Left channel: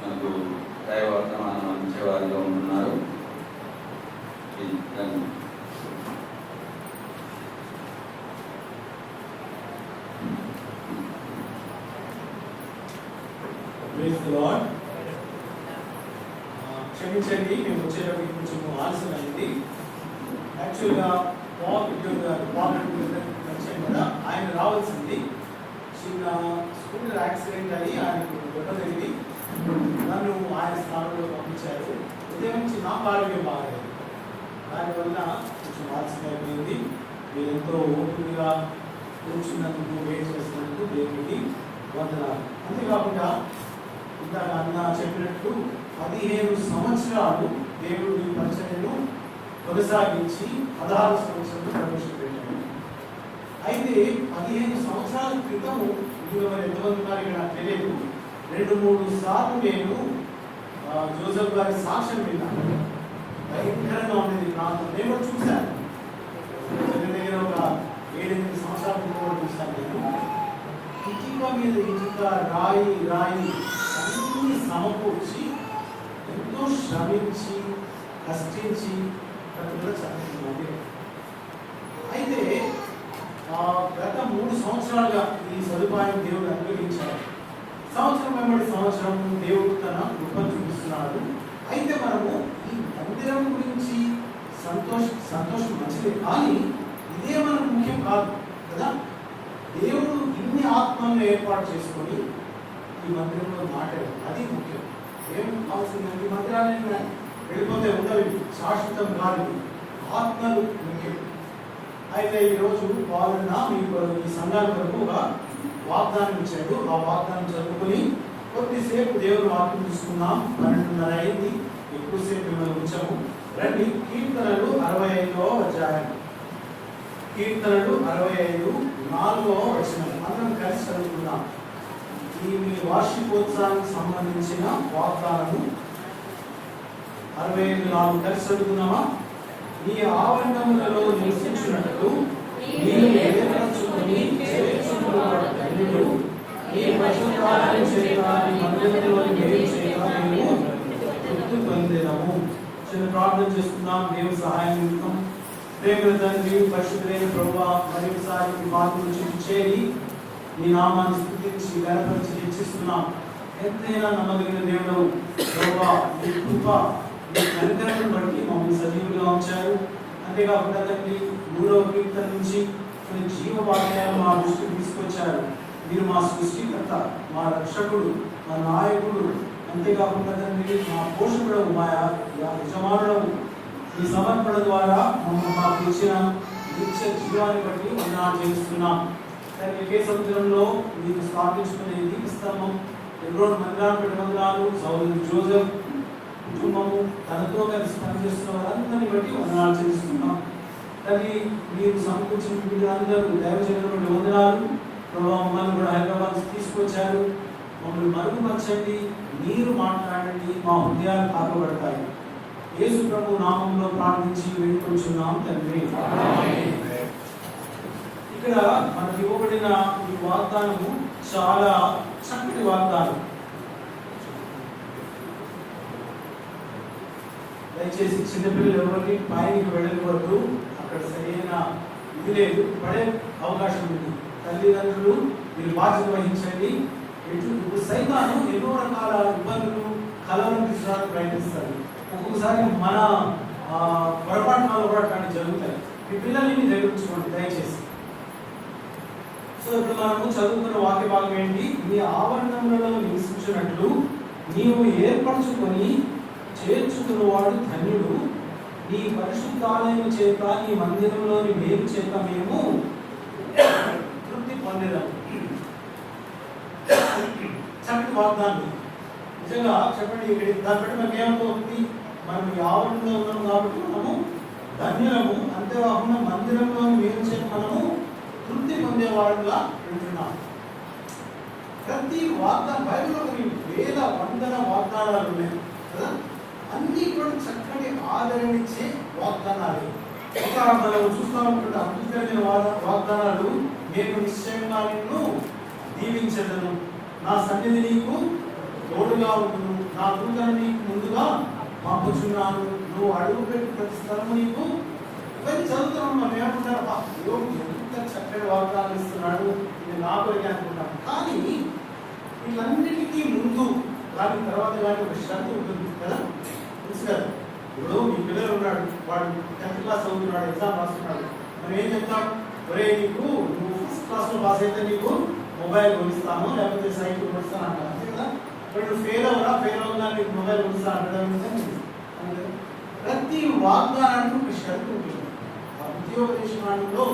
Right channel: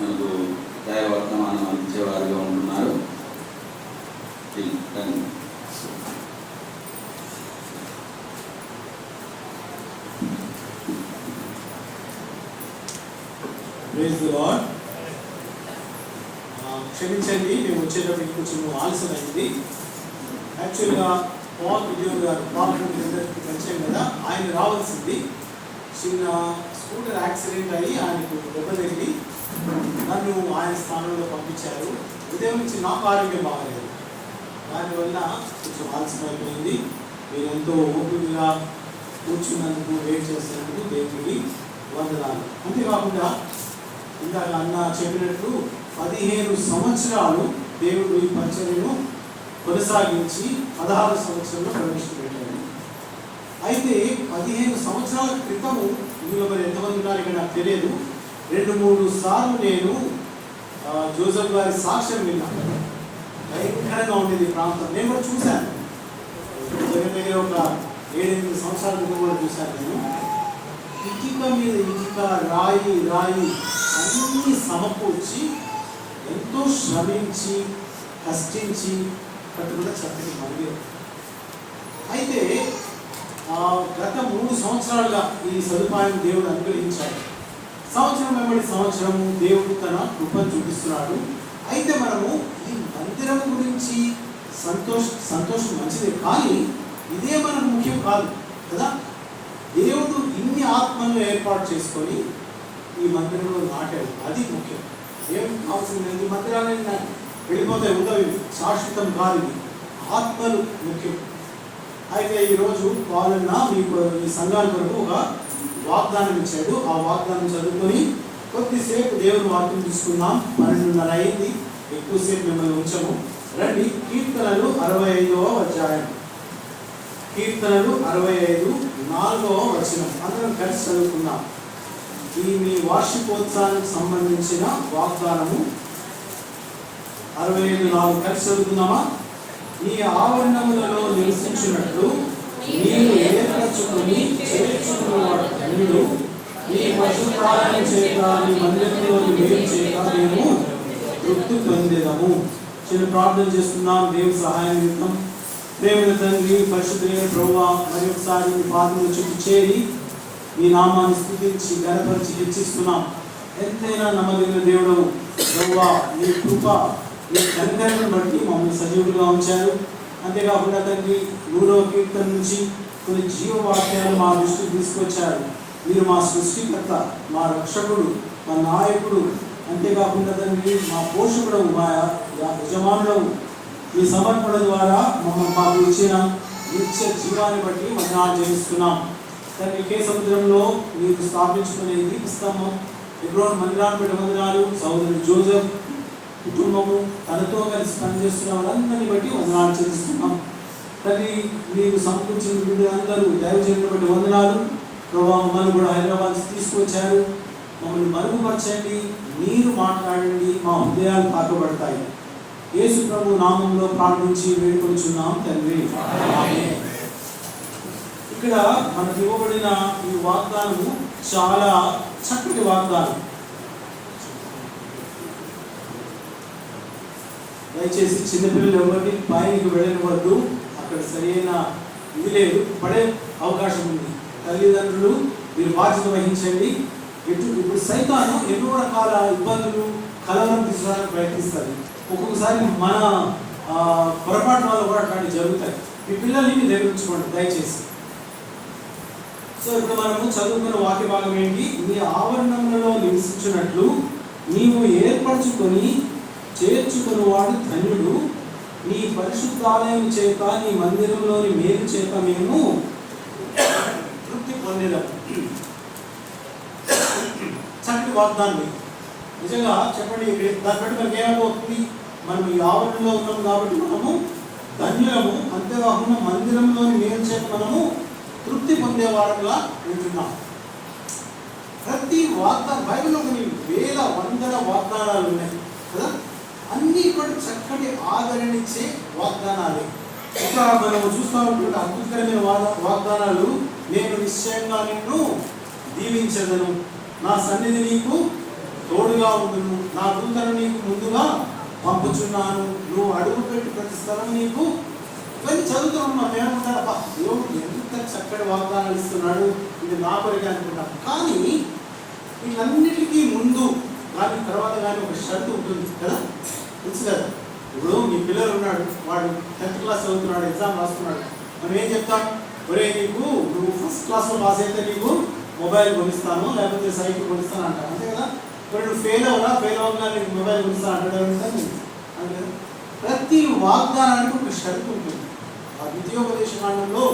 మనకు దైవవర్తమానం అందించేవారిగా ఉంటున్నారు. Praise the Lord. క్షమించండి, మేము వచ్చేటప్పటికి కొంచెం ఆలస్యమైంది. యాక్చువల్గా పాల్ పరిచయం కదా, ఆయన రావాల్సింది. చిన్న స్కూటర్ యాక్సిడెంట్ అయ్యి ఆయనకు దెబ్బ తగిలి నన్ను ఆయన స్థానంలో పంపించారు. ఉదయం నుంచి నాకు ఆరోగ్యం బాగాలేదు, దానివల్ల కొంచెం ఆలస్యం అయిపోయింది. మీరు ఎంతో ఓపికగా కూర్చున్నందుకు, వెయిట్ చేస్తున్నందుకు దేవుడికి వందనాలు. అంతేకాకుండా ఇందాక అన్న చెప్పినట్టు 15 సంవత్సరాలు దేవుడు ఈ పరిచర్యను కొనసాగించి 16 సంవత్సరంలో ప్రవేశపెట్టాడు. అయితే 15 సంవత్సరాల క్రితము, ఇందులో మరి ఎంతమంది ఉన్నారు ఇక్కడ నాకు తెలియదు, 2-3 సార్లు నేను జోసెఫ్ గారి సాక్ష్యం విన్నాను. భయంకరంగా ఉండేది ప్రాంతం. నేను కూడా చూశాను, దగ్గర ఒక 7-8 సంవత్సరాల క్రితం కూడా చూశాను. నేను ఇటుక మీద ఇటుక, రాయి రాయి అన్నీ సమకూర్చి ఎంతో శ్రమించి కష్టించి కట్టుకున్న చక్కటి మందిరం. అయితే గత 3 సంవత్సరాలుగా ఈ సదుపాయం దేవుడు అనుగ్రహించాడు. సంవత్సరం వెంబడి సంవత్సరం దేవుడు తన కృపను చూపిస్తున్నాడు. అయితే మనము ఈ మందిరం గురించి సంతోషం మంచిదే, కానీ ఇదే మనకు ముఖ్యం కాదు కదా. దేవుడు ఇన్ని ఆత్మలను ఏర్పాటు చేసుకొని ఈ మందిరంలో నాటాడు, అది ముఖ్యం. ఏం అవసరం లేదు, ఈ మందిరాన్ని వెళ్ళిపోతే ఉండవు, శాశ్వతం కాదు, ఇది ఆత్మలు ముఖ్యం. అయితే ఈరోజు వాళ్ళన్నా మీకు ఈ సంఘాల కొరకు ఒక వాగ్దానం ఇచ్చాడు. ఆ వాగ్దానం చదువుకొని కొద్దిసేపు దేవుని వాక్యం తీసుకుందాం. 12:30 అయింది, ఎక్కువసేపు మిమ్మల్ని ఉంచము. రండి, కీర్తనలు 65వ అధ్యాయం. కీర్తనలు 65, 4వ వచనం అందరం కలిసి చదువుకుందాం. ఈ మీ వార్షికోత్సవానికి సంబంధించిన వాగ్దానము 65:4 కలిసి చదువుకుందామా? ఈ ఆవరణములలో నివసించినట్లు నీవు ఏర్పరచుకొని చేర్చుకున్నవాడు ఈ పశుపాలన చేత నీ మందిరంలో వేరు చేయక మేము తృప్తి పొందేదము. చిన్న ప్రార్థన చేసుకుందాం దేవుని సహాయం నిమిత్తం. ప్రేమల తండ్రి, పరిశుద్ధులైన ప్రభువా, మరి ఒకసారి మీ పాత్రలు చుట్టూ చేరి మీ నామాన్ని స్తుతించి గణపరిచి హెచ్చిస్తున్నాం. ఎంతైనా నమ్మదగిన దేవుడు ప్రభువా, నీ కృప, నీ కనికరమును బట్టి మమ్మల్ని సజీవులుగా ఉంచారు. అంతేకాకుండా తండ్రి 100వ కీర్తన నుంచి కొన్ని జీవవాక్యాలు మా దృష్టికి తీసుకొచ్చారు. మీరు మా సృష్టికర్త, మా రక్షకుడు, మా నాయకుడు, అంతేకాకుండా తండ్రి మా పోషకుడు, మా యజమానుడు. మీ సమర్పణ ద్వారా మాకు ఇచ్చిన నిత్య జీవాన్ని బట్టి వందనాలు చేస్తున్నాం తండ్రి. కే సముద్రంలో మీరు స్థాపించుకునే దీపస్తంభం, ఎబ్రోన్ మందిరాన్ని వందనాలు. సోదరుడు జోసెఫ్ కుటుంబము, తనతో కలిసి పనిచేస్తున్న వారందరినీ బట్టి వందనాలు చేస్తున్నాం తండ్రి. మీరు సమకూర్చిన వీళ్ళందరూ దైవజనులను బట్టి వందనాలు ప్రభావ. మమ్మల్ని కూడా హైదరాబాద్ తీసుకొచ్చారు, మమ్మల్ని మరుగుపరచండి, మీరు మాట్లాడండి, మా హృదయాలు తాకబడతాయి. యేసు ప్రభు నామంలో ప్రార్థించి వేడుకొంచున్నాం తండ్రి. ఇక్కడ మనకి ఇవ్వబడిన ఈ వాగ్దానము చాలా చక్కటి వాగ్దానం. దయచేసి చిన్నపిల్లలు ఎవరిని పైకి వెళ్ళకూడదు, అక్కడ సరైన ఇది లేదు, పడే అవకాశం ఉంది. తల్లిదండ్రులు మీరు బాధ్యత వహించండి. ఇప్పుడు సైతాను ఎన్నో రకాల ఇబ్బందులు, కలవరం తీసుకోవడానికి ప్రయత్నిస్తారు. ఒక్కొక్కసారి మన పొరపాటు వల్ల కూడా అట్లాంటివి జరుగుతాయి. మీ పిల్లల్ని మీరు నిర్వహించుకోండి దయచేసి. సో ఇప్పుడు మనము చదువుకున్న వాక్య భాగం ఏంటి? నీ ఆవరణంలో నివసించినట్లు నీవు ఏర్పరచుకొని చేర్చుకున్నవాడు ధన్యుడు. నీ పరిశుద్ధాలయం చేత, నీ మందిరంలోని మేలు చేత మేము తృప్తి పొందేదాం. చక్కటి వాగ్దానం నిజంగా చెప్పండి. దాన్ని బట్టి మనకి ఏమవుతుంది? మనం ఈ ఆవరణలో ఉన్నాం కాబట్టి మనము ధన్యులము. అంతేకాకుండా మందిరంలోని మేలు చేత మనము తృప్తి పొందేవాడుగా ఉంటున్నాం. ప్రతి వాగ్దానం బైబిల్లో కొన్ని వేల వందల వాగ్దానాలు ఉన్నాయి కదా, అన్ని కూడా చక్కటి ఆదరణించే వాగ్దానాలే. ఇంకా మనం చూస్తూ ఉంటుంటే అద్భుతకరమైన వాగ్దానాలు. నేను నిశ్చయంగా నిన్ను దీవించదను, నా సన్నిధి నీకు తోడుగా ఉండును, నా దూతను నీకు ముందుగా పంపుచున్నాను, నువ్వు అడుగు పెట్టి ప్రతి స్థలము నీకు. ఇవన్నీ చదువుతున్నాం, మనం ఏమనుకుంటాడప్ప దేవుడు ఎంత చక్కటి వాగ్దానాలు ఇస్తున్నాడు, ఇది నా కొరికే అనుకుంటాం. కానీ వీటన్నిటికీ ముందు కానీ తర్వాత కానీ ఒక షరతు ఉంటుంది కదా, తెలుసు కదా. ఇప్పుడు మీ పిల్లలు ఉన్నాడు, వాడు 10th క్లాస్ చదువుతున్నాడు, ఎగ్జామ్ రాస్తున్నాడు. మనం ఏం చెప్తాం? ఒరే నీకు నువ్వు 1st క్లాస్లో పాస్ అయితే నీకు మొబైల్ కొనిస్తాను, లేకపోతే సైకిల్ కొనిస్తాను అంటారు, అంతే కదా. ఇప్పుడు నువ్వు ఫెయిల్ అవునా నీకు మొబైల్ కొనిస్తాను అంటాడు. ప్రతి వాగ్దానానికి ఒక షరతు ఉంటుంది. ఆ విద్యోపదేశకాండంలో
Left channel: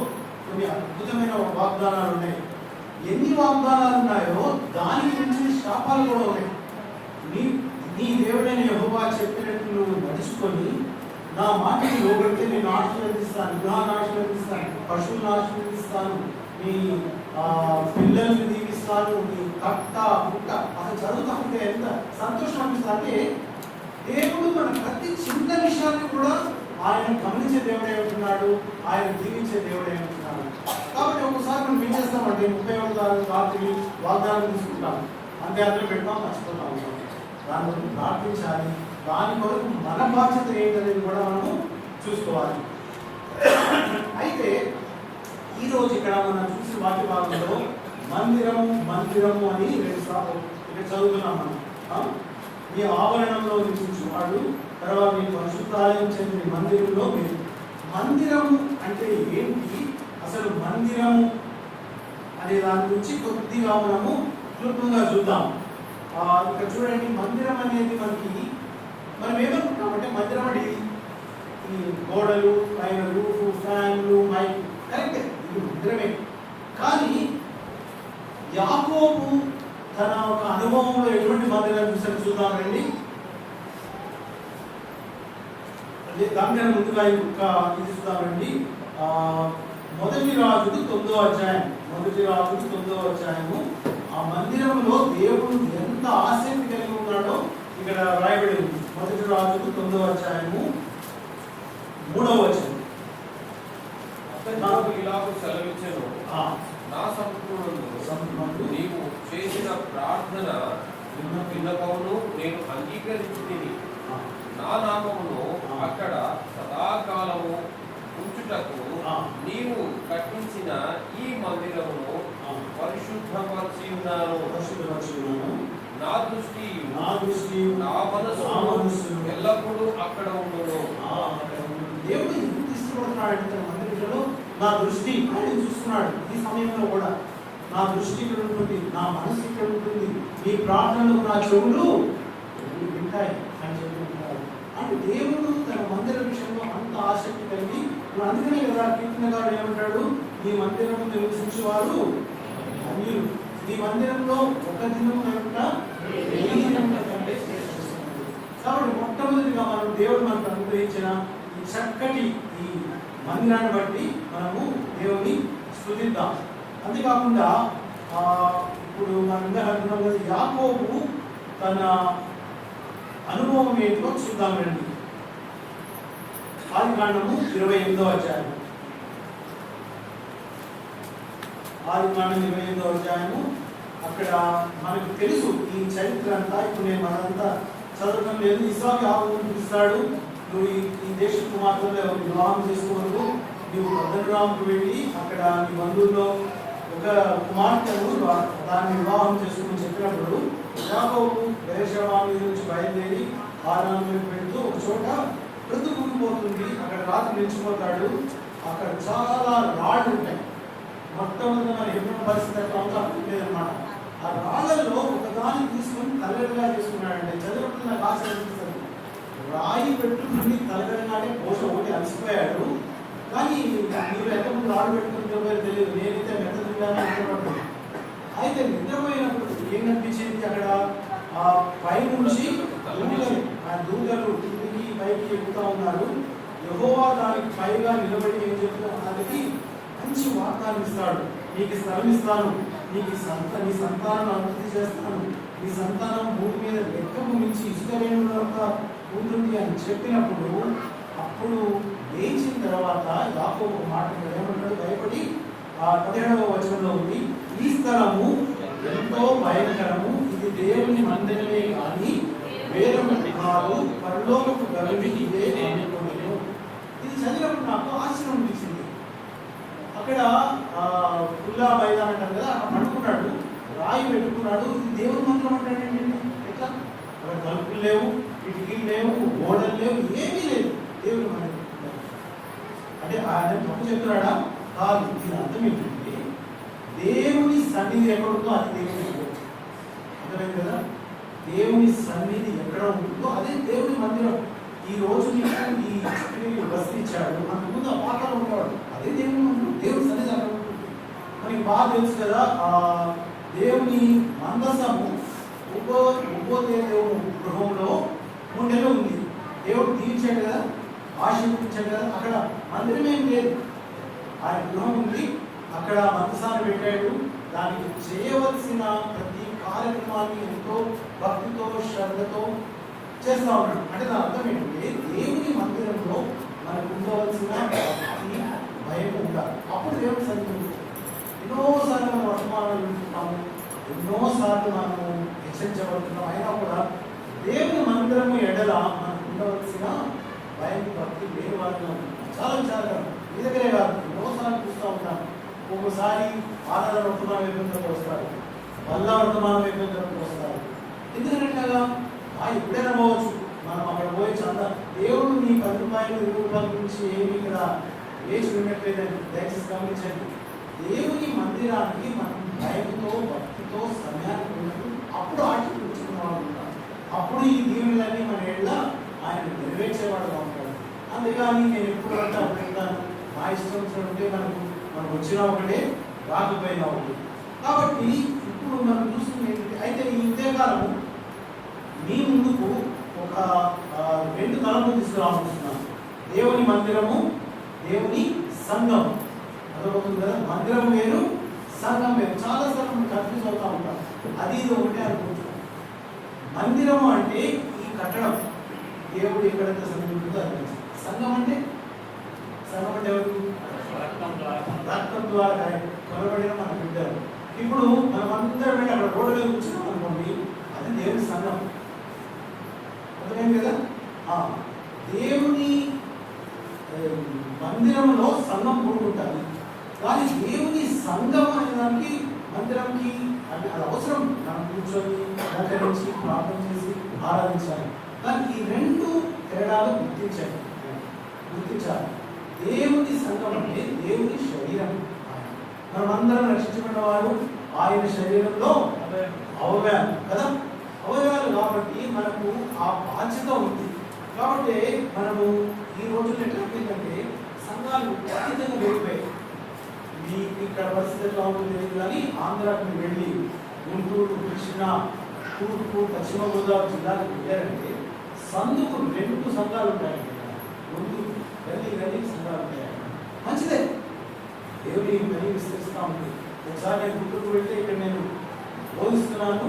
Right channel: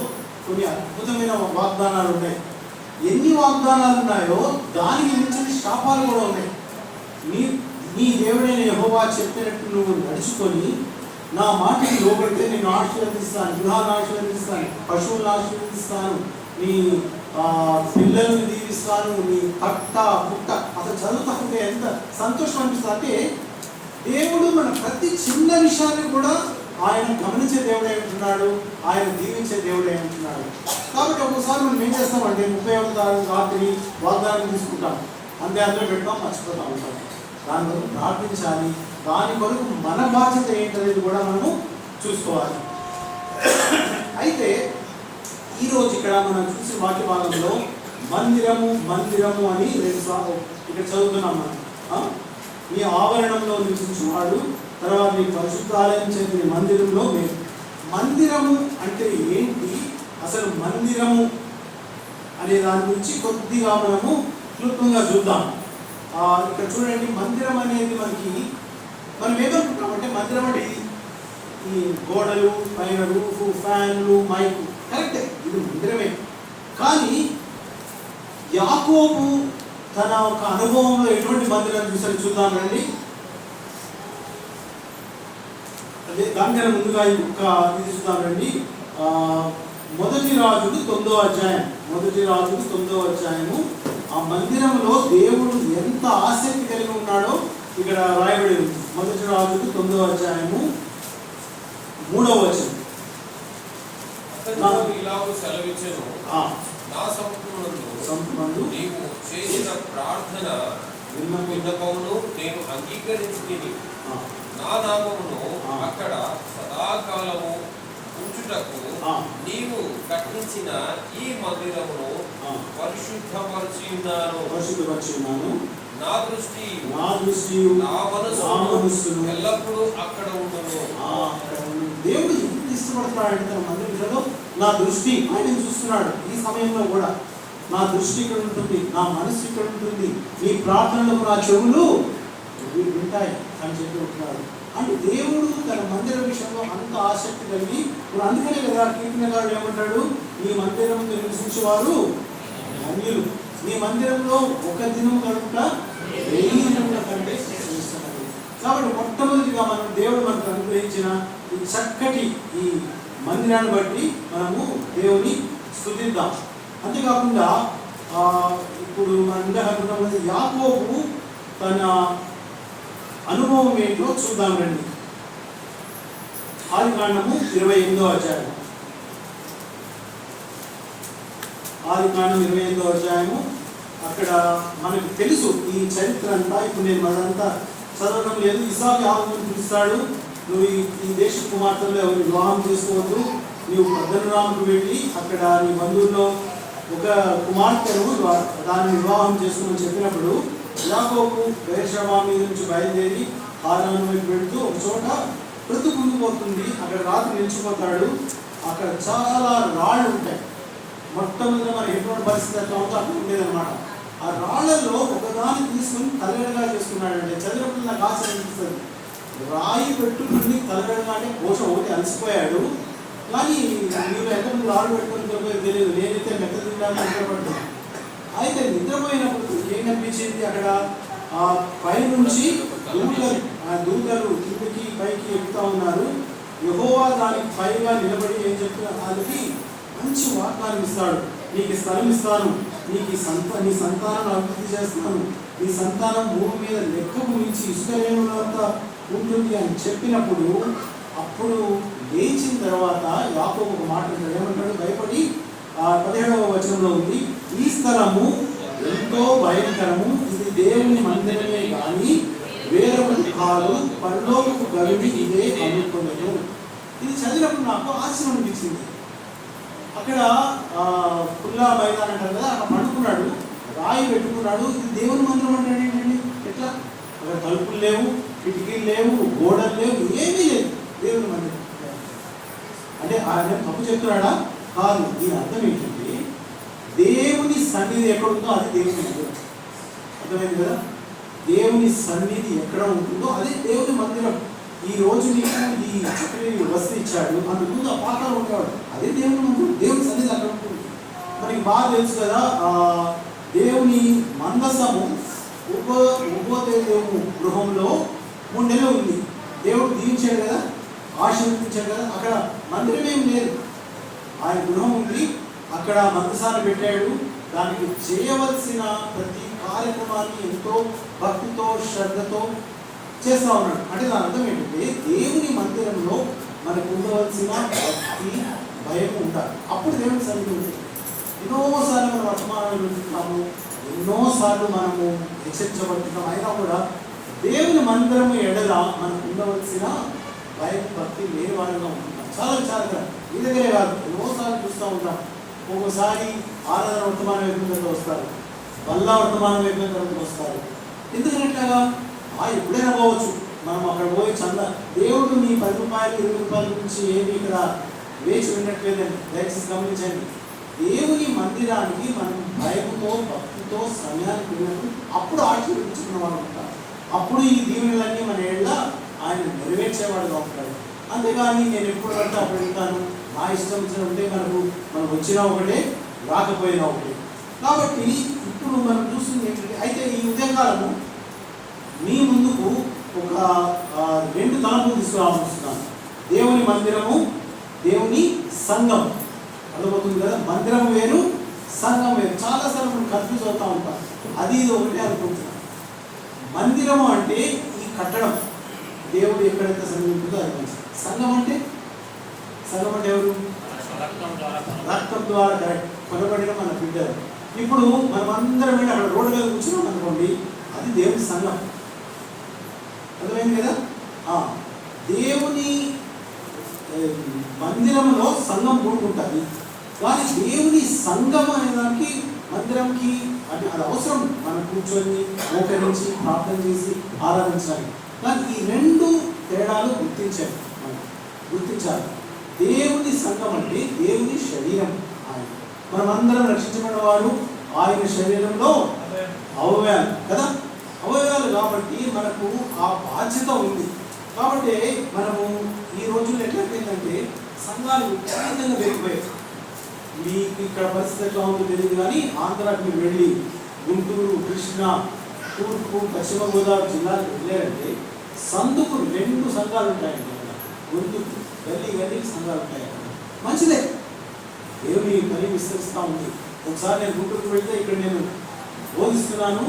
కొన్ని అద్భుతమైన వాగ్దానాలు ఉన్నాయి. ఎన్ని వాగ్దానాలు ఉన్నాయో దానికి మించిన శాపాలు కూడా ఉన్నాయి. నీ దేవుడైన యెహోవా చెప్పినట్టు నువ్వు నడుచుకొని నా మాటకి లోబడితే నేను ఆశీర్వదిస్తాను, గృహాన్ని ఆశీర్వదిస్తాను, పశువులను ఆశీర్వదిస్తాను, నీ పిల్లల్ని దీవిస్తాను, నీ కట్ట పుట్ట. అసలు చదువుతుంటే ఎంత సంతోషం అనిపిస్తుంది అంటే, దేవుడు మన ప్రతి చిన్న విషయాన్ని కూడా ఆయన గమనించే దేవుడే ఉంటున్నాడు, ఆయన దీవించే దేవుడే ఉంటున్నాడు. కాబట్టి ఒక్కసారి మనం ఏం చేస్తామంటే 31వ తారీఖు రాత్రి వాగ్దానం తీసుకుంటాం, అంతే అందులో పెడతాం, మర్చిపోతాం. దాని కొరకు ప్రార్థించాలి, దాని కొరకు మన బాధ్యత ఏంటనేది కూడా మనము చూసుకోవాలి. అయితే ఈరోజు ఇక్కడ మనం చూసిన వాక్య భాగంలో మందిరము మందిరము అని 2 సార్లు ఇక్కడ చదువుతున్నాం మనం. మీ ఆవరణంలో నివసించువాడు, తర్వాత మీ పరిశుద్ధాలయం చెందిన మందిరంలో మీరు. మందిరము అంటే ఏంటి, అసలు మందిరము అనే దాని గురించి కొద్దిగా మనము క్లుప్తంగా చూద్దాం. ఇక్కడ చూడండి, మందిరం అనేది మనం ఏమనుకుంటామంటే మందిరం అంటే ఈ గోడలు, పైన రూఫ్, ఫ్యాన్లు, మైక్, కరెక్టే, ఇది మందిరమే. కానీ యాకోబు తన ఒక అనుభవంలో ఎటువంటి మందిరం చూసాడు చూద్దాం రండి. అదే దానికన్నా ముందుగా ఒక ఇది చూద్దాం రండి. 1 రాజులు 9వ అధ్యాయం, 1 రాజులు 9వ అధ్యాయము. ఆ మందిరంలో దేవుడు ఎంత ఆసక్తి కలిగి ఉన్నాడో ఇక్కడ రాయబడి ఉంది. 1 రాజులు 9వ అధ్యాయము 3వ వచనం. ఇలాగూ సెలవిచ్చెను, నా సముఖమునందు నీవు చేసిన ప్రార్థన విన్నపమును నేను అంగీకరించుకొని నా నామమును అక్కడ సదాకాలము ఉంచుటకు నీవు కట్టించిన ఈ మందిరమును పరిశుద్ధపరచి ఉన్నాను. నా దృష్టి నా మనసు ఎల్లప్పుడూ అక్కడ ఉండును. దేవుడు ఎందుకు ఇష్టపడుతున్నాడు? మందిరంలో నా దృష్టి ఆయన చూస్తున్నాడు. ఈ సమయంలో కూడా నా దృష్టి ఇక్కడ ఉంటుంది, నా మనస్సు ఇక్కడ ఉంటుంది, నీ ప్రార్థనలకు నా చెవులు వింటాయి అని చెప్పి ఉంటున్నారు. అంటే దేవుడు తన మందిర విషయంలో అంత ఆసక్తి కలిగి, అందుకనే కదా కీర్తనకారుడు ఏమంటాడు, నీ మందిరం నివసించేవారు అన్యులు, నీ మందిరంలో ఒక దినం కనుక 1000 దినముల కంటే శ్రేష్ఠిస్తున్నారు. కాబట్టి మొట్టమొదటిగా మనం దేవుడు మనకు అనుగ్రహించిన ఈ చక్కటి ఈ మందిరాన్ని బట్టి మనము దేవుని స్తుతిద్దాం. అంతేకాకుండా ఇప్పుడు మనం యాకోబు తన అనుభవం ఏంటో చూద్దాం రండి. ఆదికాండము 28వ అధ్యాయం. ఆదికాండం 28వ అధ్యాయము. అక్కడ మనకు తెలుసు ఈ చరిత్ర అంతా. ఇప్పుడు నేను అదంతా చదవడం లేదు. ఇస్సాకు యాకోబుని పిలుస్తాడు, నువ్వు ఈ దేశ కుమార్తెలో ఎవరు వివాహం చేసుకోవద్దు, నువ్వు పద్దనరాముకు వెళ్ళి అక్కడ నీ బంధువుల్లో ఒక కుమార్తెను దాన్ని వివాహం చేసుకోమని చెప్పినప్పుడు యాకోబు బెర్షెబా మీద నుంచి బయలుదేరి హారాను వైపు వెళ్తూ ఒక చోట ప్రతికుండిపోతుంది. అక్కడ రాత్రి నిలిచిపోతాడు. అక్కడ చాలా రాళ్ళు ఉంటాయి. మొట్టమొదటి మన ఎటువంటి పరిస్థితి అట్లా ఉంటే అక్కడ ఉండేదన్నమాట. ఆ రాళ్లలో ఒకదాన్ని తీసుకుని తలగడగా చేసుకున్నాడంటే చదివినప్పుడు నాకు ఆశ అనిపిస్తుంది. రాయి పెట్టుకుని తలగడగా అంటే కోశ ఒకటి అలసిపోయాడు. కానీ మీరు ఎక్కడ రాళ్ళు పెట్టుకుని చెప్పేది తెలియదు. నేనైతే మెత్త తింటాను అనుకోబడ్డాను. అయితే నిద్రపోయినప్పుడు ఏం కనిపించింది, అక్కడ పైనుంచి దూతలు కిందికి పైకి ఎక్కుతా ఉన్నారు. యెహోవా దానికి పైగా నిలబడి ఏం చెప్తున్నారు, వాళ్ళకి మంచి వాగ్దానం ఇస్తాడు, నీకు స్థలం ఇస్తాను, నీకు నీ సంతానం అభివృద్ధి చేస్తున్నాను, నీ సంతానం భూమి మీద లెక్కకు మించి ఇసుక లేనంత ఉంటుంది అని చెప్పినప్పుడు, అప్పుడు లేచిన తర్వాత యాకోబు ఒక మాట ఏమంటాడు, భయపడి 17వ వచనంలో ఉంది, ఈ స్థలము ఎంతో భయంకరము, ఇది దేవుని మందిరమే కానీ వేరొకటి కాదు, పరలోకపు గవిని ఇదే అనుకోలేదు. ఇది చదివినప్పుడు నాకు ఆశ్చర్యం అనిపించింది. అక్కడ ఖుల్లా మైదానం అంటారు కదా, అక్కడ పండుకున్నాడు, రాయి పెట్టుకున్నాడు. ఇది దేవుని మందిరం అంటాడు ఏంటండి? ఎట్లా? అక్కడ తలుపులు లేవు, కిటికీలు లేవు, గోడలు లేవు, ఏమీ లేదు. దేవుని మందిరం అంటే ఆయన తప్పు చెప్తున్నాడా? కాదు. దీని అర్థం ఏంటంటే దేవుని సన్నిధి ఎక్కడ ఉందో అది దేవుని మందిరం. అర్థమైంది కదా? దేవుని సన్నిధి ఎక్కడ ఉంటుందో అదే దేవుని మందిరం. ఈ రోజు నీకు ఈ వస్తు ఇచ్చాడు, అంతకుముందు ఆ పాత్రలో ఉండేవాడు, అదే దేవుని మందిరం. దేవుని సన్నిధి అక్కడ ఉంటుంది. మనకి బాగా తెలుసు కదా, దేవుని మందసము ఉపదేశము గృహంలో 3 నెలలు ఉంది. దేవుడు దీవించాడు కదా, ఆశీర్వదించాడు కదా. అక్కడ మందిరం ఏం లేదు, ఆయన గృహం ఉంది. అక్కడ మందసాన్ని పెట్టాడు. దానికి చేయవలసిన ప్రతి కార్యక్రమాన్ని ఎంతో భక్తితో శ్రద్ధతో చేస్తూ ఉన్నాడు. అంటే దాని అర్థం ఏంటంటే దేవుని మందిరంలో మనకు ఉండవలసిన భక్తి భయం ఉండాలి. అప్పుడు దేవుని సన్నిధి ఉంటుంది. ఎన్నోసార్లు మనం వర్తమానాలు వింటున్నాము, ఎన్నోసార్లు మనము హెచ్చరించబడుతున్నాం. అయినా కూడా దేవుని మందిరము ఎడల మనకు ఉండవలసిన భయం భక్తి లేని వాళ్ళగా ఉంటున్నాం. చాలా విచారంగా మీ దగ్గరే కాదు, ఎన్నోసార్లు చూస్తూ ఉంటాం. ఒక్కోసారి ఆరాధన వర్తమానం వైపు వస్తారు, వల్ల వర్తమానం వైపు వస్తారు. ఎందుకని అట్లాగా? ఎప్పుడైనా పోవచ్చు, మనం అక్కడ పోయి చంద దేవుడు నీ 10 రూపాయలు 20 రూపాయల నుంచి ఏమి ఇక్కడ వేచి విన్నట్లేదని దయచేసి గమనించండి. దేవుని మందిరానికి మనం భయంతో భక్తితో సమయానికి వెళ్ళినప్పుడు అప్పుడు ఆశీర్వదించుకున్న వాళ్ళు ఉంటారు. అప్పుడు ఈ దీవెనలన్నీ మన ఏళ్ళ ఆయన నెరవేర్చేవాడుగా ఉంటాడు. అంతేగాని నేను ఎప్పుడు అంటే అప్పుడు వెళ్తాను, నా ఇష్టం వచ్చినట్టే మనకు వచ్చినా ఒకటే రాకపోయినా ఒకటే. కాబట్టి ఇప్పుడు మనం చూస్తుంది ఏంటంటే, అయితే ఈ ఉదయకాలము మీ ముందుకు ఒక 2 తలంపులు తీసుకురావాలనుకుంటున్నాను. దేవుని మందిరము, దేవుని సంఘం. అర్థమవుతుంది కదా? మందిరం వేరు, సంఘం వేరు. చాలాసార్లు మనం కన్ఫ్యూజ్ అవుతూ ఉంటాం, అది ఇది ఒకటే అనుకుంటున్నాం. మందిరము అంటే ఈ కట్టడం, దేవుడు ఎక్కడైతే సన్నిధి ఉంటుందో అది. సంఘం అంటే ఎవరు? రక్తం ద్వారా కరెక్ట్ కొనబడిన మన బిడ్డలు. ఇప్పుడు మనం అందరం వెళ్ళి అక్కడ రోడ్డు మీద కూర్చున్నాం అనుకోండి, అది దేవుని సంఘం. అర్థమైంది కదా? దేవుని మందిరంలో సంఘం కూడుకుంటుంది. కానీ దేవుని సంఘం అనే దానికి మందిరంకి అంటే అది అవసరం. మనం కూర్చొని మోకరించి ప్రార్థన చేసి ఆరాధించాలి. కానీ ఈ 2 తేడాలు గుర్తించాలి. దేవుని సంఘం అంటే దేవుని శరీరం. మనం అందరం రక్షించబడిన వారు, ఆయన శరీరంలో అవయవాలు కదా, అవయవాలు కాబట్టి మనకు ఆ బాధ్యత ఉంది. కాబట్టి మనము ఈ రోజుల్లో ఎట్లయిపోయిందంటే సంఘాలు విపరీతంగా పెరిగిపోయాయి. మీకు ఇక్కడ పరిస్థితి ఎట్లా ఉందో తెలియదు కానీ ఆంధ్రాకి మీరు వెళ్ళి గుంటూరు, కృష్ణా, తూర్పు, పశ్చిమ గోదావరి జిల్లాలకు వెళ్ళారంటే సందుకు 2 సంఘాలు ఉంటాయండి. గుంటూరు గల్లీ సంఘాలు ఉంటాయి. మంచిదే, దేవుని పని విస్తరిస్తూ ఉంది. ఒకసారి నేను గుంటూరుకు వెళ్తే ఇక్కడ నేను బోధిస్తున్నాను,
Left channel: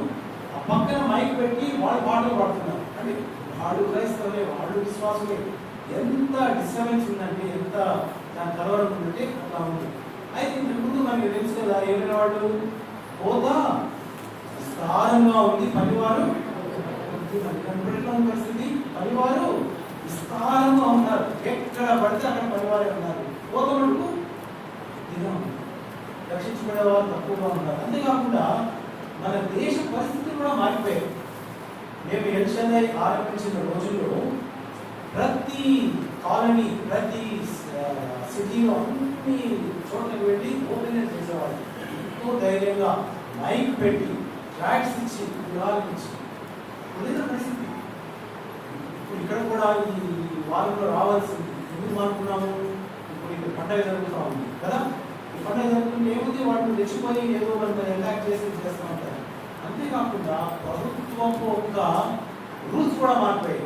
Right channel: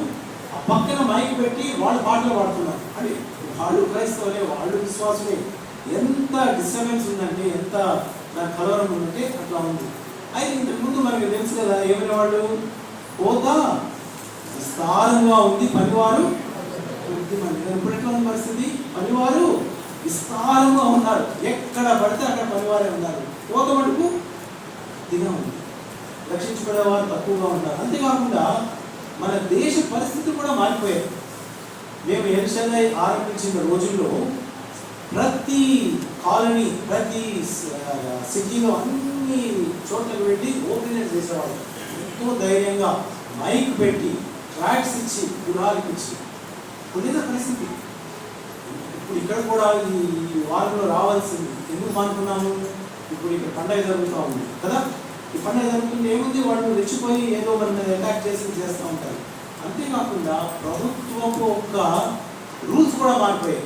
ఆ పక్కన మైక్ పెట్టి వాళ్ళు పాటలు పాడుతున్నారు. అంటే వాళ్ళు క్రైస్తవులే, వాళ్ళు విశ్వాసులే. ఎంత డిస్టర్బెన్స్ ఉందంటే, ఎంత దాని కలవరం ఉందంటే అట్లా ఉంది. అయితే ఇంతకుముందు మనకి తెలుసు కదా, ఏమైనా వాళ్ళు హోదా విస్తారంగా ఉంది, పనివారు కొద్దిమంది. ఇప్పుడు ఎట్లా ఉన్న పరిస్థితి, పనివారు విస్తారంగా ఉన్నారు. ఎక్కడ పడితే అక్కడ పనివారే ఉన్నారు. హోద మటుకు కొద్దిగా ఉంది, రక్షించబడేవారు తక్కువగా ఉన్నారు. అంతేకాకుండా మన దేశ పరిస్థితి కూడా మారిపోయాయి. మేము ఎల్షన్ఐ ఆరంభించిన రోజుల్లో ప్రతి కాలనీ, ప్రతి సిటీలో అన్ని చోట్లకి పెట్టి ఓపెన్ చేసేవాళ్ళు. ఎంతో ధైర్యంగా మైక్ పెట్టి ట్రాక్స్ ఇచ్చి గురాలకు ఇచ్చి ఉండేది పరిస్థితి. ఇప్పుడు ఇక్కడ కూడా ఈ వారంలో రావాల్సింది. ఎందుకు అనుకున్నాము, ఇప్పుడు ఇక్కడ పండగ జరుగుతూ ఉంది కదా. ఈ పండుగ జరుగుతుంటే ఏముంది, వాళ్ళు రెచ్చిపోయి ఏదో మన అటాక్ చేస్తూ ఉంటారు. అంతేకాకుండా ప్రభుత్వపు ఒక రూల్స్ కూడా మారిపోయాయి.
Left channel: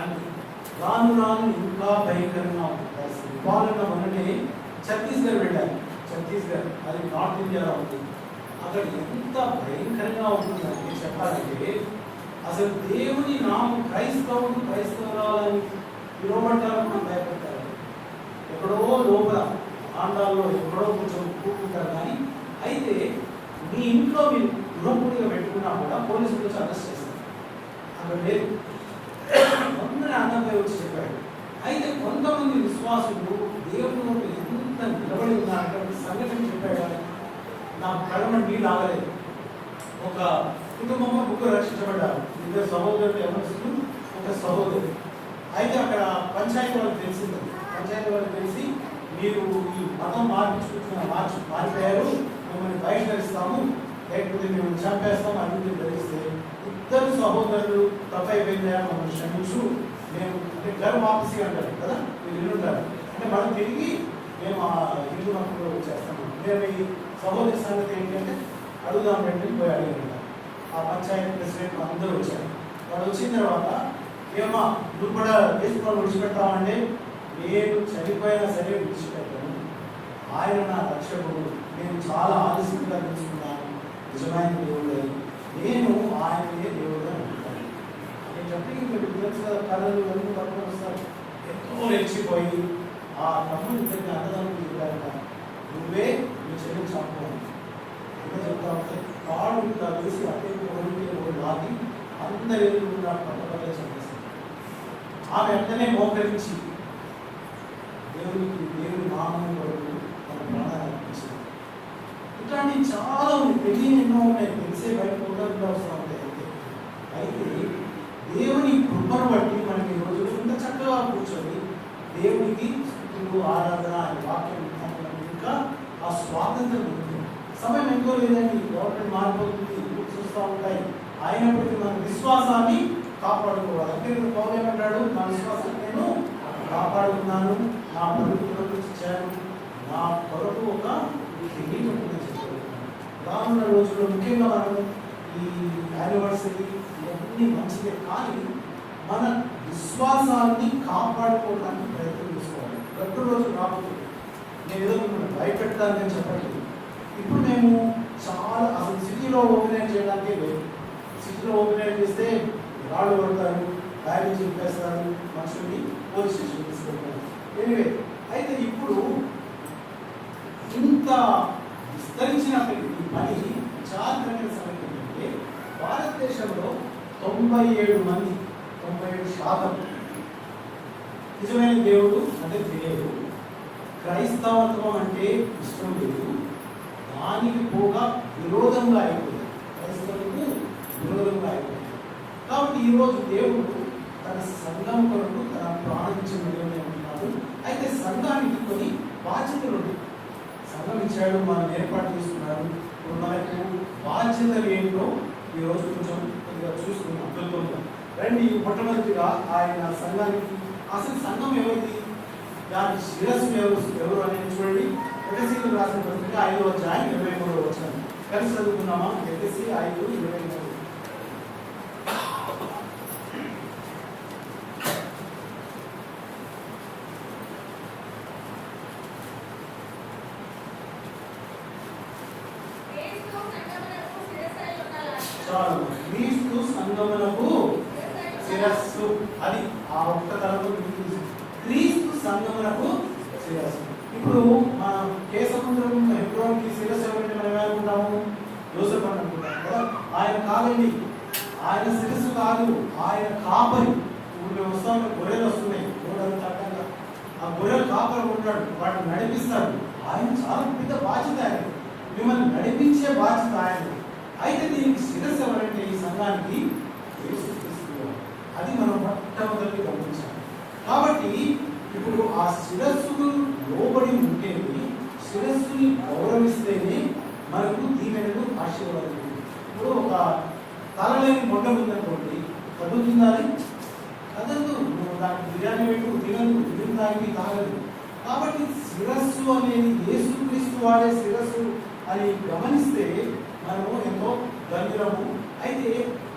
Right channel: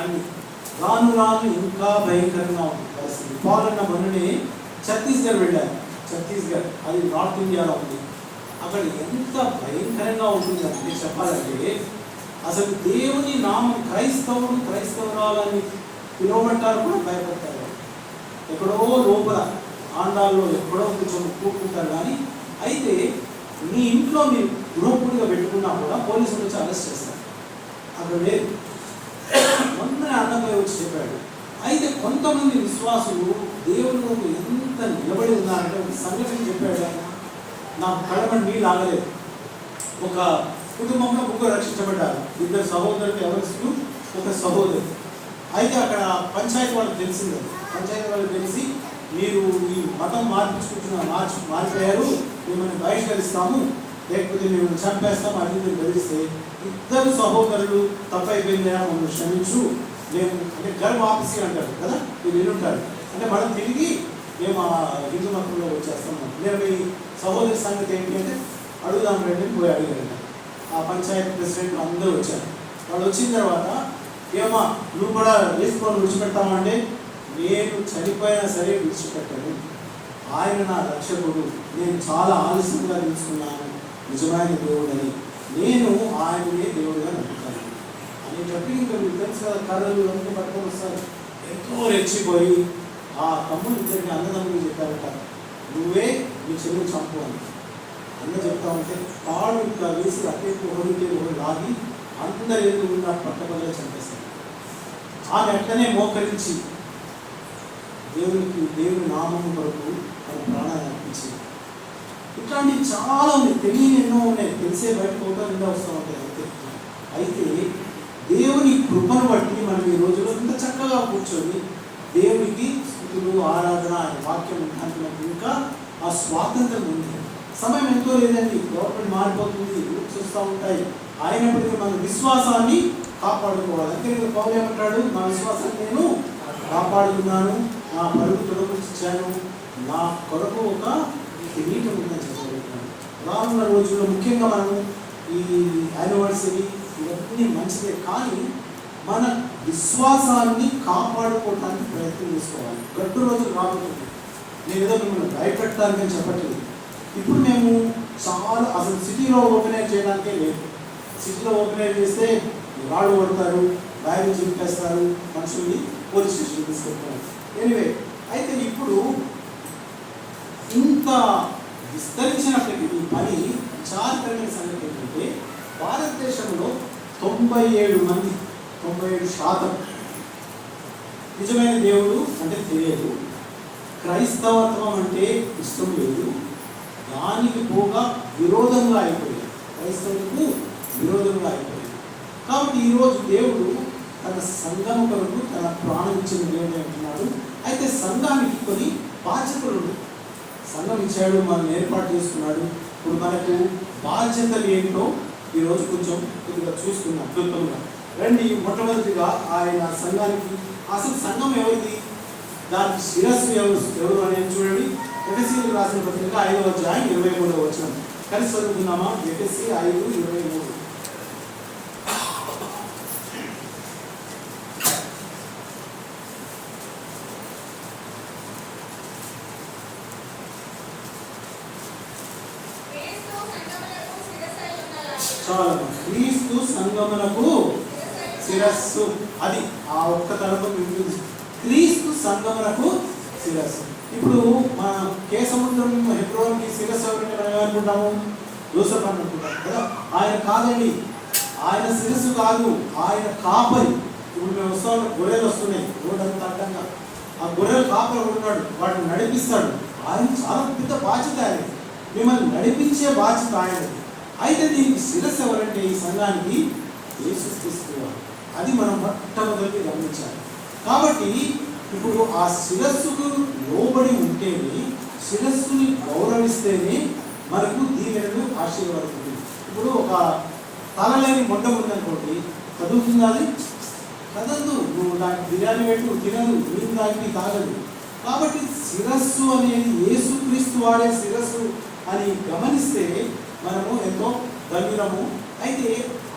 అన్ని రాను రాను ఇంకా భయంకరంగా ఉంటుంది పరిస్థితి. పాలన మొన్ననే ఛత్తీస్గఢ్ వెళ్ళారు. ఛత్తీస్గఢ్ అది నార్త్ ఇండియాలో ఉంది. అక్కడ ఎంత భయంకరంగా ఉంటుంది అంటే చెప్పాలంటే, అసలు దేవుని నామం క్రైస్తవురాలని పిలువమంటారు కూడా భయపడతారు. ఎక్కడో లోపల ఆండాల్లో ఎక్కడో కొంచెం కూడుకుంటారు. కానీ అయితే మీ ఇంట్లో మీరు గృహపూడిగా పెట్టుకున్నా కూడా పోలీసులు వచ్చి అరెస్ట్ చేస్తారు. అక్కడ లేదు. మొన్న అన్నపై వచ్చి చెప్పాడు. అయితే కొంతమంది విశ్వాసులు దేవుడు ఎంత నిలబడి ఉన్నారంటే సంఘటన చెప్పాడు. నాకు కడమని నీళ్ళు ఆగలేదు. ఒక కుటుంబంలో 3 రక్షించబడ్డారు. 2 సహోదరులు, ఎవరు ఒక సహోదరు. అయితే అక్కడ పంచాయతీ వాళ్ళకి తెలిసింది. పంచాయతీ వాళ్ళకి తెలిసి, మీరు ఈ మతం మారిపోయారు, మిమ్మల్ని బహిష్కరిస్తాము, లేకపోతే మేము చంపేస్తాం అని బెదిరిస్తే 2 సహోదరులు తప్పైపోయిందా, మమ్మల్ని క్షమించు, మేము అంటే గర్వ ఆఫీసీ అంటారు కదా, మీరు వినుంటారు. అంటే మనం తిరిగి మేము ఆ హిందూ మతంలో వచ్చేస్తాము. మేము ఈ సహోదరి సంగతి ఏంటి అంటే అడుగుదాం రండి పోయి అడిగారు. ఆ పంచాయతీ ప్రెసిడెంట్ అందరూ వచ్చారు. వాళ్ళు వచ్చిన తర్వాత, ఏమో నువ్వు కూడా వేసుకొని విడిచిపెట్టామంటే, నేను చనిపోయినా సరే విడిచిపెట్టాను, ఆయన నా రక్షకుడు, నేను చాలా ఆలస్యంగా తెలుసుకున్నాను నిజమైన దేవుడని, నేను ఆయననే దేవుడిగా నమ్ముతాను అని చెప్పి మీరు తెలుసు కదా, కళలు అన్నీ పట్టుకొని వస్తారు. ఎంతో రెచ్చిపోయి ఆ తమ్ముడు చెప్పి అన్నదమ్ముడు చెప్పారట, నువ్వే నీ చెల్లిని చంపు అని. అన్న చెప్తామంటే పాడు ఇట్లా వేసి అట్టేకి ఒకటి లాగి అందరి ఎదురుగా పట్టబడిగా చంపేస్తారు. ఆమె వెంటనే మోకరించి దేవుని నామం వరకు తన ప్రాణాలు అర్పించింది. ఇట్లాంటివి చాలా ఉన్నాయి, తెలియని ఎన్నో ఉన్నాయి, తెలిసే బయటపోతే వస్తూ ఉంటాయి. అయితే దేవుని కృపను బట్టి మనం ఈ రోజులో ఇంత చక్కగా కూర్చొని దేవునికి స్థుతులు, ఆరాధన, ఆయన వాక్యం మనకు ఇంకా ఆ స్వాతంత్రం ఉంది. సమయం ఎంతో లేదండి, గవర్నమెంట్ మారిపోతుంది, చూస్తూ ఉంటాయి. అయినప్పటికీ మన విశ్వాసాన్ని కాపాడుకోవాలి. అంటే నేను పౌలు ఏమంటాడు, నా విశ్వాసాన్ని నేను కాపాడుకున్నాను, నా పరుగు తొలగించాను, నా కొరకు ఒక కిరీటం ఉందని చెప్పగలుగుతున్నాను. రానున్న రోజుల్లో ముఖ్యంగా మనం ఈ యానివర్సరీ ఇవన్నీ మంచిదే, కానీ మన విశ్వాసాన్ని కాపాడుకోవడానికి ప్రయత్నం చేసుకోవాలి. గట్టు రోజులు మారుతుంది. నేను ఏదో మిమ్మల్ని భయపెట్టడానికి చెప్పట్లేదు. ఇప్పుడు మేము చాలా అసలు సిటీలో ఓపెనైజ్ చేయడానికే లేదు. సిటీలో ఓపెనైజ్ చేస్తే వాళ్ళు పడతారు, బయలు చెప్పేస్తారు, మనుషుల్ని పోలీస్ స్టేషన్ తీసుకెళ్తారు. ఎనివే, అయితే ఇప్పుడు ఇంత విస్తరించినప్పటికీ ఈ పని చారిత్రమైన సంగతి ఏంటంటే, భారతదేశంలో 97% నిజమైన దేవుడు అంటే తెలియదు, క్రైస్తవత్వం అంటే ఇష్టం లేదు, దానికి పోగా విరోధంగా అయిపోయింది, క్రైస్తవులకు విరోధంగా అయిపోయింది. కాబట్టి ఈరోజు దేవుడు తన సంఘం కొరకు తన ప్రాణం ఇచ్చిన దేవుడు అంటున్నాడు. అయితే సంఘానికి కొన్ని బాధ్యతలు ఉన్నాయి. సంఘం ఇచ్చాడు, మనం ఏర్పాటు చేసుకున్నాడు, ఇప్పుడు మనకు బాధ్యతలు ఏంటో ఈరోజు కొద్దిగా చూసుకుందాం క్లుప్తంగా. రండి, మొట్టమొదటిగా ఆయన సంఘానికి, అసలు సంఘం ఎవరిది, దానికి శిరస్సు ఎవరు అనేది చూడండి. ఎఫెసీయులకు రాసిన పత్రిక 5వ అధ్యాయం 23వ వచనం కలిసి చదువుతున్నామా? ఎఫెసీ 5:23. చాలా క్రీస్తు సంఘమునకు శిరస్సు. అది ఆ ఒక్క తలతో క్రీస్తు సంఘమునకు శిరస్సు. ఇప్పుడు మన కేసముద్రం హెబ్రోన్కి శిరస్సు ఎవరంటే మనం ఏమనుకుంటాము? యోసేపు అనుకుంటాం కదా. ఆయన కాదండి, ఆయన శిరస్సు కాదు, ఆయన కాపరి. ఇప్పుడు మేము వస్తాం, గొర్రెలు వస్తున్నాయి రోడ్డంతా అడ్డంగా, ఆ గొర్రెలు కాపరి ఉన్నాడు, వాటిని నడిపిస్తాడు. ఆయన చాలా పెద్ద బాధ్యత, ఆయన మిమ్మల్ని నడిపించే బాధ్యత ఆయన. అయితే దీనికి శిరస్సు ఎవరంటే ఈ సంఘానికి యేసుక్రీస్తు. అది మనం మొట్టమొదటి గమనించాలి. కాబట్టి ఇప్పుడు ఆ శిరస్సుకు లోబడి ఉంటేనే, శిరస్సుని గౌరవిస్తేనే మనకు దీవెనలు ఆశీర్వాదం. ఇప్పుడు ఒక తలలేని మొండ ఉందనుకోండి, కదులుతుంది అది కదలదు. నువ్వు దానికి బిర్యానీ పెట్టు, తినదు, నీరు దానికి తాగదు. కాబట్టి శిరస్సు అనేది యేసుక్రీస్తు వాడే శిరస్సు అని గమనిస్తే మనము ఎంతో ధన్యులము. అయితే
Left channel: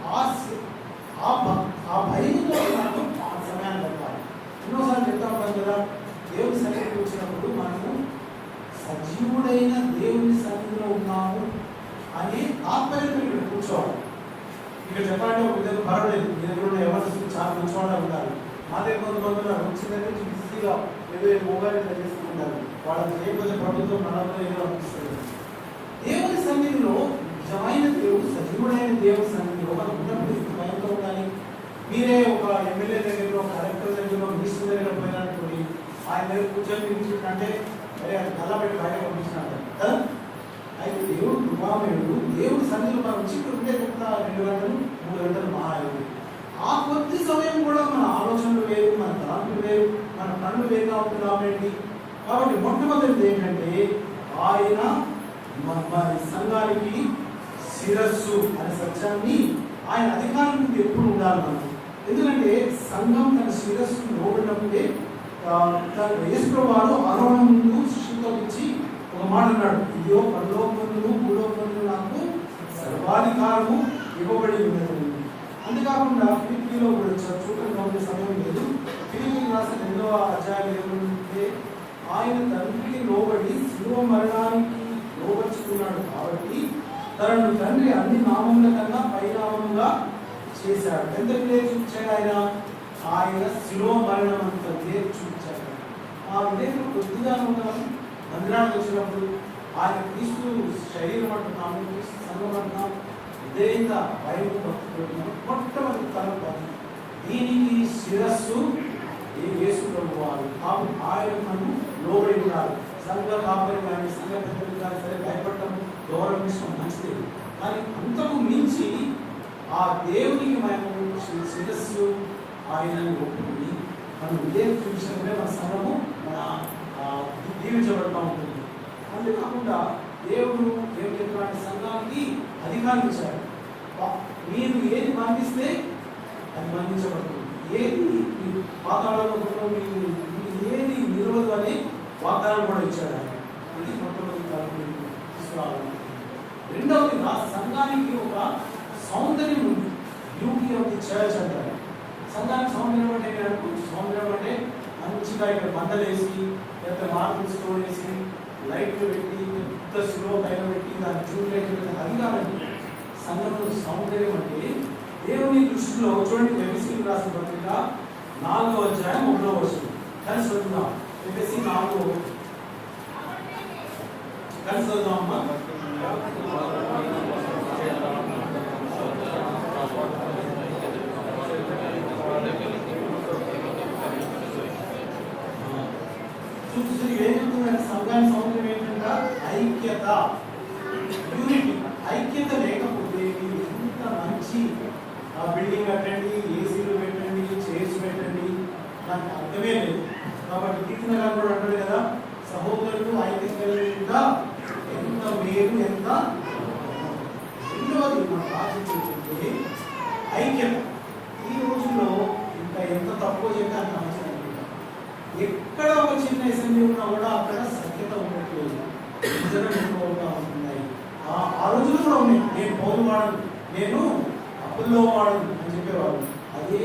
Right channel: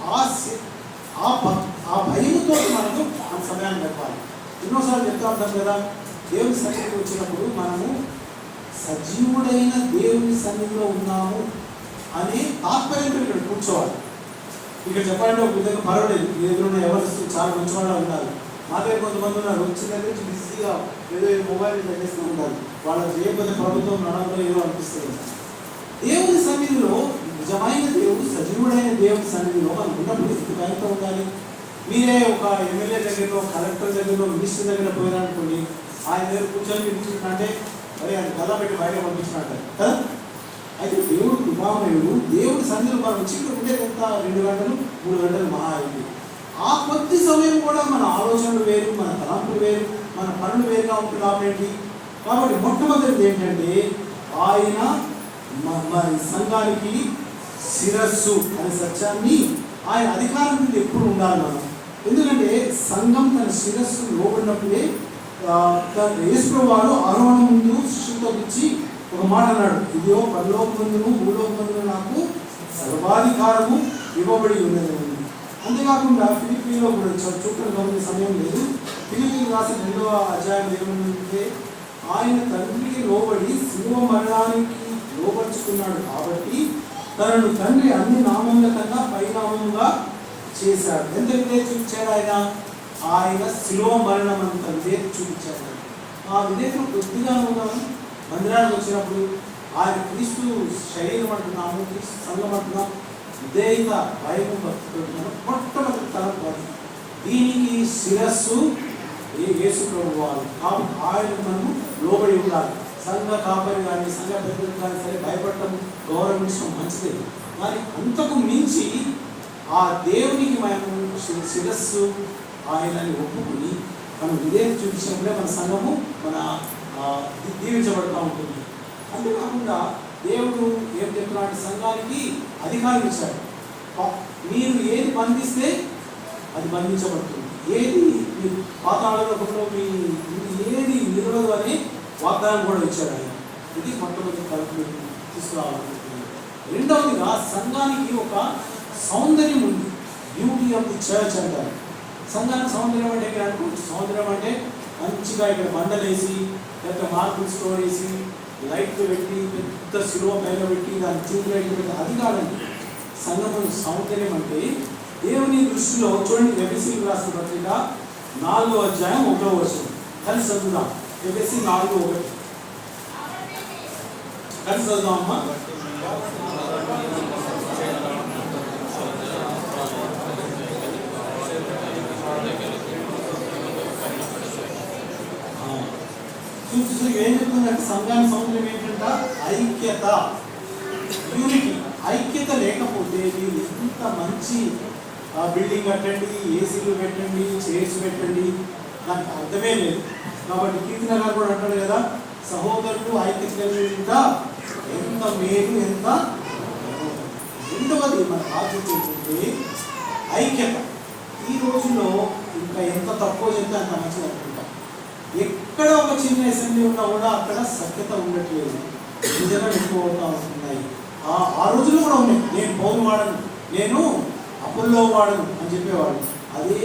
ఆ భయంతో మనకు ఆ సమయాన్ని గడపాలి. ఎన్నోసార్లు చెప్తా ఉంటాం కదా, దేవుని సన్నిధికి వచ్చినప్పుడు మనము సజీవుడైన దేవుని సన్నిధిలో ఉన్నాము అనే తాత్పర్యంతో ఇక్కడ కూర్చోవాలి. ఇక్కడ చెప్పాలంటే ఒక దగ్గర పర్వాలేదు, మీ దగ్గర ఎవరు చాలా మంచివాడు ఉన్నారు. మా దగ్గర కొంతమంది ఉన్నారు, వచ్చిన దగ్గర నుంచి బిజీగా ఏదో మొబైల్ చేస్తూ ఉంటారు. వాళ్ళకి చేయకపోతే ప్రభుత్వం నడవలో ఏదో అనిపిస్తుంది. దేవుని సన్నిధిలో, నిజమైన దేవుడు, సజీవుడైన దేవుని సన్నిధిలో మనం ఉన్నప్పుడు ఎంత భయంతో ఉండాలి. మీరే ఒక ఎమ్మెల్యే దగ్గర, కలెక్టర్ దగ్గర, మినిస్టర్ దగ్గర పోయినట్టుకుని ఆయన దగ్గర కూర్చొని కూర్చుంటే మరి అది కళ్ళ పెట్టి బయట పంపించినట్టు కదా. అయితే దేవుడు కృపామయుడు. దేవుడి సన్నిధిలో మనం చిక్కులు ఉంటే కొంత 2 గంటలు 3 గంటలు మహా అయింది. ఆ కొద్ది సమయం కూడా మన ఆలోచనలు వేరు, మన తలంపులు వేరు, మన పనులు వేరుగా ఉంటుంది. కాబట్టి మొట్టమొదటిది ఏంటంటే ఆయన మరి సంఘానికి శిరస్సు అనే సత్యాన్ని, ఆయన అధికారం నుండి ఎప్పుడు ఉండాలి మనం. ఎందుకంటే సంఘం తన శిరస్సు లోబడినప్పుడే యేసుప్రభువు ఆరోహణ ముందు శిష్యులతో ఇచ్చి ఒక మాట అన్నాడు, ఇదిగో పరలోకమందును భూలోకమందును నాకు సర్వాధికారము ఇవ్వబడి ఉన్నది. అంతేకాకుండా ఫిలిప్పీలో కూడా చూడటం గమనించే సమయం లేదు. ఫిలిప్పీలు రాసిన 2వ అధ్యాయం ఏమంటే, ఆయన తండ్రికి లోబడి శిలువ మరణానికి లోపరుచుకున్నాడు కాబట్టి తనను తండ్రి అన్ని నామముల కన్నా పైనామంగా చేశాడు. ఎంత చూపించాడు ఆయన శిలువ మరణం అంత చూపించాడు. ఆ విధంగా కొద్దిగా మందిరానికి వచ్చినప్పుడు ఆయన క్రీస్తు శరీరం అంటున్నాము, క్రీస్తు సంఘం అంటున్నాం, విధేయత భయం పెట్టుకున్నాం. మొట్టమొదటి తరం దీనికి శిరస్సు యేసు ప్రభువు వారు. కాబట్టి ఆయన మనము లోబడి ఉండాలి. సంఘ కాపరి కానీ సంఘ పెద్దలు కానీ సరే భయపడటం, గౌరవించడం మంచిదే. కానీ అంతకు మించి ఆ దేవునికి మేము శిరస్సు ఆయనని ఒప్పుకుని మనం విధేయత చూపించినప్పుడే మన సంఘము మన దీవించబడుతూ ఉంటుంది. అంతేకాకుండా దేవుడు ఏం చెప్తున్నాడు, సంఘానికి అధికారం ఇచ్చాడు. మీరు ఏది బంధిస్తే అది బంధించబడుతుంది, ఏది పాతాళంలో మీ ఏది నిలవదు అని వాగ్దానం కూడా ఇచ్చాడు ఆయన. ఇది మొట్టమొదటి తీసుకురావాలనుకుంటున్నాను. రెండవదిగా సంఘానికి ఒక సౌందర్యం ఉంది. బ్యూటీ ఆఫ్ ది చర్చ్ అంటారు. సంఘానికి సౌందర్యం అంటే సౌందర్యం అంటే మంచిగా ఇక్కడ బండలేసి, లేకపోతే మార్బుల్ స్టోర్ వేసి, లైట్లు పెట్టి, పెద్ద శిలువ పైన పెట్టి, దాన్ని ట్యూబ్లైట్ పెట్టి, అది కాదండి. సంఘం సౌందర్యం అంటే దేవుని దృష్టిలో చూడండి. ఎఫెసీయులకు రాసిన పత్రిక 4వ అధ్యాయం 1వ వచనం కలిసి చదువుదాం. ఎఫెసీ 4:1 కలిసి చదువుదాం అమ్మా. ఏం చెప్తుందంటే సంఘానికి సౌందర్యం ఏంటంట? ఐక్యత, యూనిటీ. ఐక్యత లేకపోతే మీరు ఎంత మంచి బిల్డింగ్ కట్టండి, ఏసీలు పెట్టండి, చైర్స్ పెట్టండి, నాకు అర్థమే లేదు. కాబట్టి కీర్తన కూడా అంటాడు కదా, సహోదరుడు ఐక్యత ఎంత మేలు, ఎంత రెండవది మన బాధ్యత ఏంటంటే ఐక్యత. ఈ రోజుల్లో ఇంకా ఎంత తక్కువ చెప్తే అంత మంచిది అనుకుంటాం. ఎక్కడ ఒక చిన్న అసెంబ్లీ ఉన్నా కూడా అక్కడ సఖ్యత ఉండట్లేదు, నిజంగా ఎక్కువ అవుతా ఉంటున్నాయి. ఆ రోజుల్లో కూడా ఉన్నాయి. నేను పౌరు వాడను, నేను అప్పుల్లో వాడను అని చెప్పేవాడు. అదే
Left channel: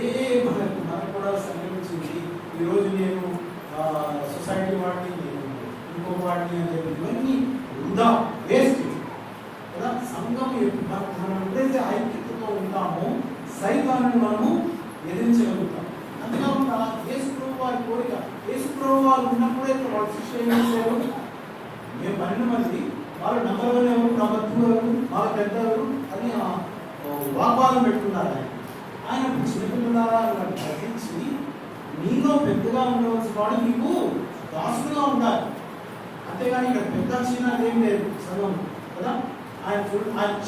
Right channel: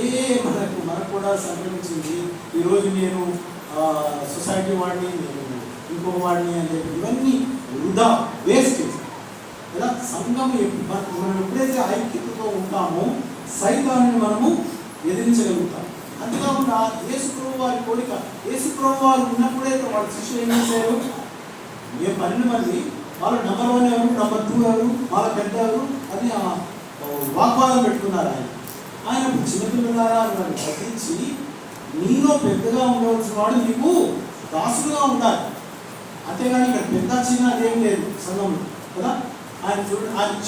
మనకు కూడా సంక్రమించింది. ఈరోజు నేను సొసైటీ వాడిని, నేను ఇంకో వాడిని అని చెప్పి ఇవన్నీ వృధా, వేస్ట్ కదా. సంఘం మనం ఎప్పుడైతే ఐక్యతతో ఉంటామో సైతాన్ని మనము ఎదిరించగలుగుతాం. అంతేకాకుండా యేసుప్రభు వారి కోరిక, యేసుప్రభు వారు ఉన్నప్పుడైతే వాళ్ళ శిష్యులు ఏం చేశారు? మేము 12 మంది, వాళ్ళు నంబర్ 1 ఎవరు, నంబర్ 2 ఎవరు, వాళ్ళ పెద్దవారు అని వాగ్వాదం పెట్టుకున్నారు. ఆయన చిన్నపిల్లలారా వాళ్ళని తగ్గించి నీలో పెద్దగా ఉండవలసిన వాడు నీకు దాసులుగా ఉండాలి, అంతేగాని ఇక్కడ పెద్ద చిన్న అదేం లేదు సంఘం కదా. ఆయన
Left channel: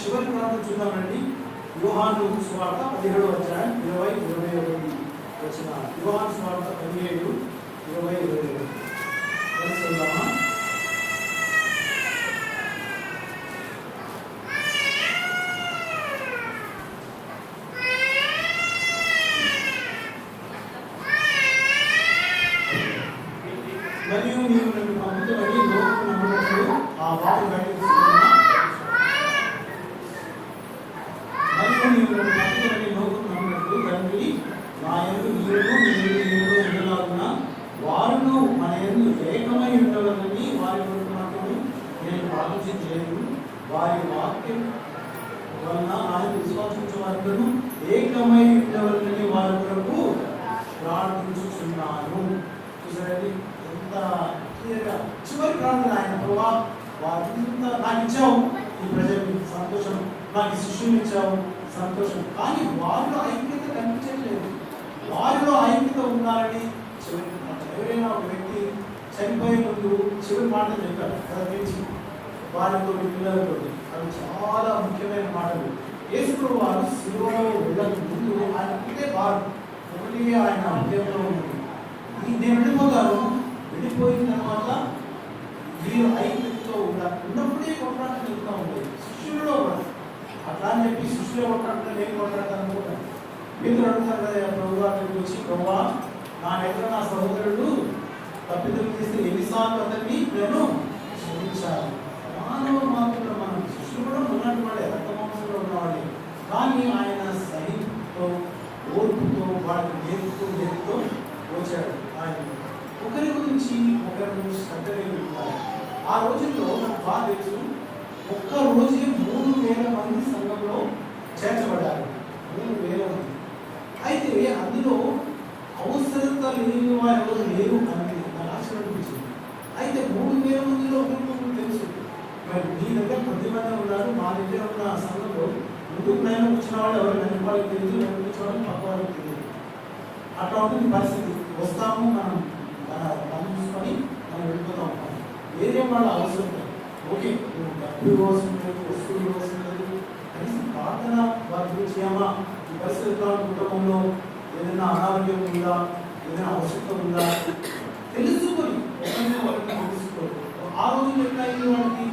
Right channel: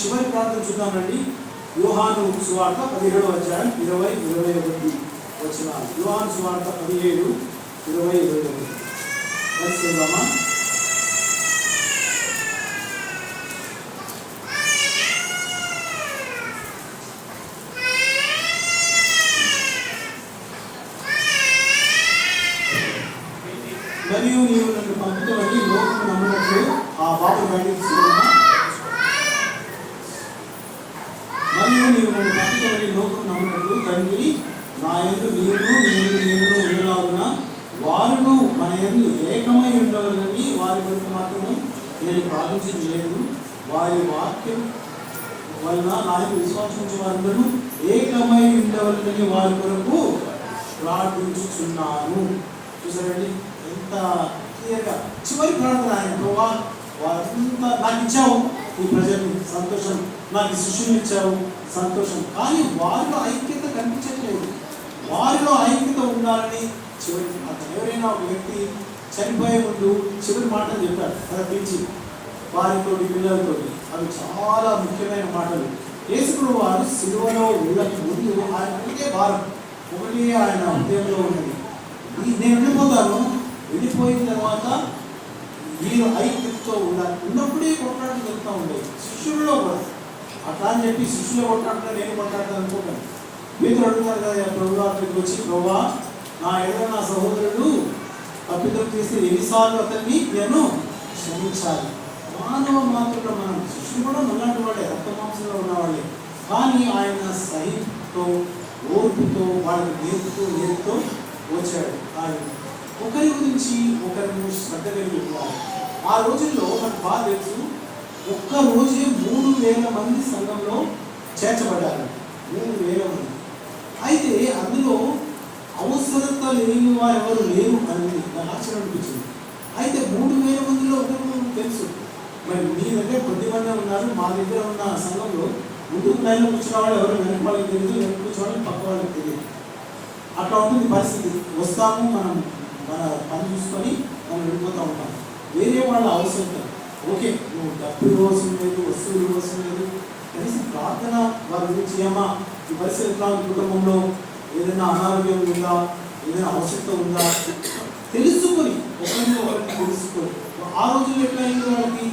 చివరి ప్రార్థన చూద్దామండి. యోహాను సువార్త 17వ అధ్యాయం 20-21 వచనాలు. యోహాను సువార్త 17:20-21 చదువుదామా? మరియు నీవు నన్ను పంపుతావని లోకము నమ్మునట్లు ఆ బాబు బయటిస్తున్నాను. మరియు నీవు నన్ను పంపుతావని లోకము నమ్మునట్లు తండ్రి నా యందు నీవు ఉండలాగున వారును మన యందు ఏకమై ఉండవాలని వారి కొరకు మాత్రం నేను ప్రార్థించలేదు. వారి వాక్యం వలన ఆయన విశ్వాసించే వారందరూ ఏకమై ఉండవాలని వారి కొరకు ప్రార్థించుచున్నాను. చూసారండి ఎంత క్లియర్గా చివరి ప్రార్థన. ఆయన ప్రభా వారంతా నాకు ఇచ్చావు, ఈ ప్రజల్ని సంతోషం, నాకు శిష్యుని ఇచ్చావు సంతోషం, కానీ వారిలో ఐక్యత కనిపించట్లేదు. వారిలో ఐక్యత ఉండాలని చివరి ఎవరైనా ఒక వ్యక్తి చనిపోయే ముందు చివరి మాటలు చెప్తాడు కదా, పిలిచి వారితో పిల్లలతో. అవి చాలా ముఖ్యమైన మాటలు. యేసుప్రభు వారు సిలువలో వెళ్ళక ముందు ఆయన ఒకటే భారం, ఒకటి ఆయన హృదయంలో ఉన్నది, నేను వెళ్ళిపోతాను, వెళ్ళిపోయిన తర్వాత వీళ్ళు ఐక్యతతో ఉన్నప్పుడే కొట్లాట జరుగుతూ ఉండేది. శిష్యుల్లో కూడా అట్లా అని చెప్పి శిష్యులు కొట్లాడుతూ నేను కొట్లాడతాను అనుకోకండి. మీతో అడుగుతారు కదా ప్రభు అక్కడికి వచ్చి, ప్రభా నా ఎదురు నా సహోదరుడు తప్పిదం చేస్తే ఎన్నిసార్లు అతన్ని నేను క్షమించాలి. మానవ మాత్రంలో మనం శిష్యులు కూడా ఉన్నట్టు వాళ్ళే, రక్త మాంసంలో ఉన్నవాళ్ళే, కానీ ఆయన సహితో ఓర్పుతో వాళ్ళని నేర్పుతూ వచ్చాడు. ఆయన ఒకరి గురించి ఒకరు శ్రద్ధ కలిగి ఉన్నారు. ఆ రోజుల్లో మనకు బాగా తెలుసు, ఒక్క రోజే 3,000 మంది సంఘంలో చేర్చబడ్డారు. 3,000 మంది. అయితే అందులో అవసరత లేని వారు ఎవరు లేరు అని నాకు ఆశ్చర్యం అనిపించింది. అయితే 3,000 మందిలో ఒకరికి తెలుసు. మరి మీ దగ్గర కొద్దిమంది ఉన్నారు, మా దగ్గర ఉన్న సంఘంలో ముందు లైన్లో కూర్చున్న వాళ్ళు ఎవరు వెనక వాళ్ళకి తెలియదు, వెనక కూర్చున్న వాళ్ళు పక్క వాళ్ళకి తెలియదు. అట్లా ఉంటుంది పరిస్థితి. వస్తాము, మనం మన పని చూసుకొని మనం వెళ్ళిపోతూ ఉంటాం. వేరే వాళ్ళ అవసరం ఓకే, నువ్వు డబ్బు అవసరం లేదు, వస్తువులు అవసరం లేదు, కనీసం ప్రార్థన వారి గురించి ఏమా ఈ పరిస్థితి కుటుంబంలో ఏదైనా అనారోగ్యం ఉందా, ఏదైనా అవసరం ఉందా తెలుసుకొని ఒకరిని తెలుసుకొని. ఆ రోజుల్లో ఎట్లా అయింది,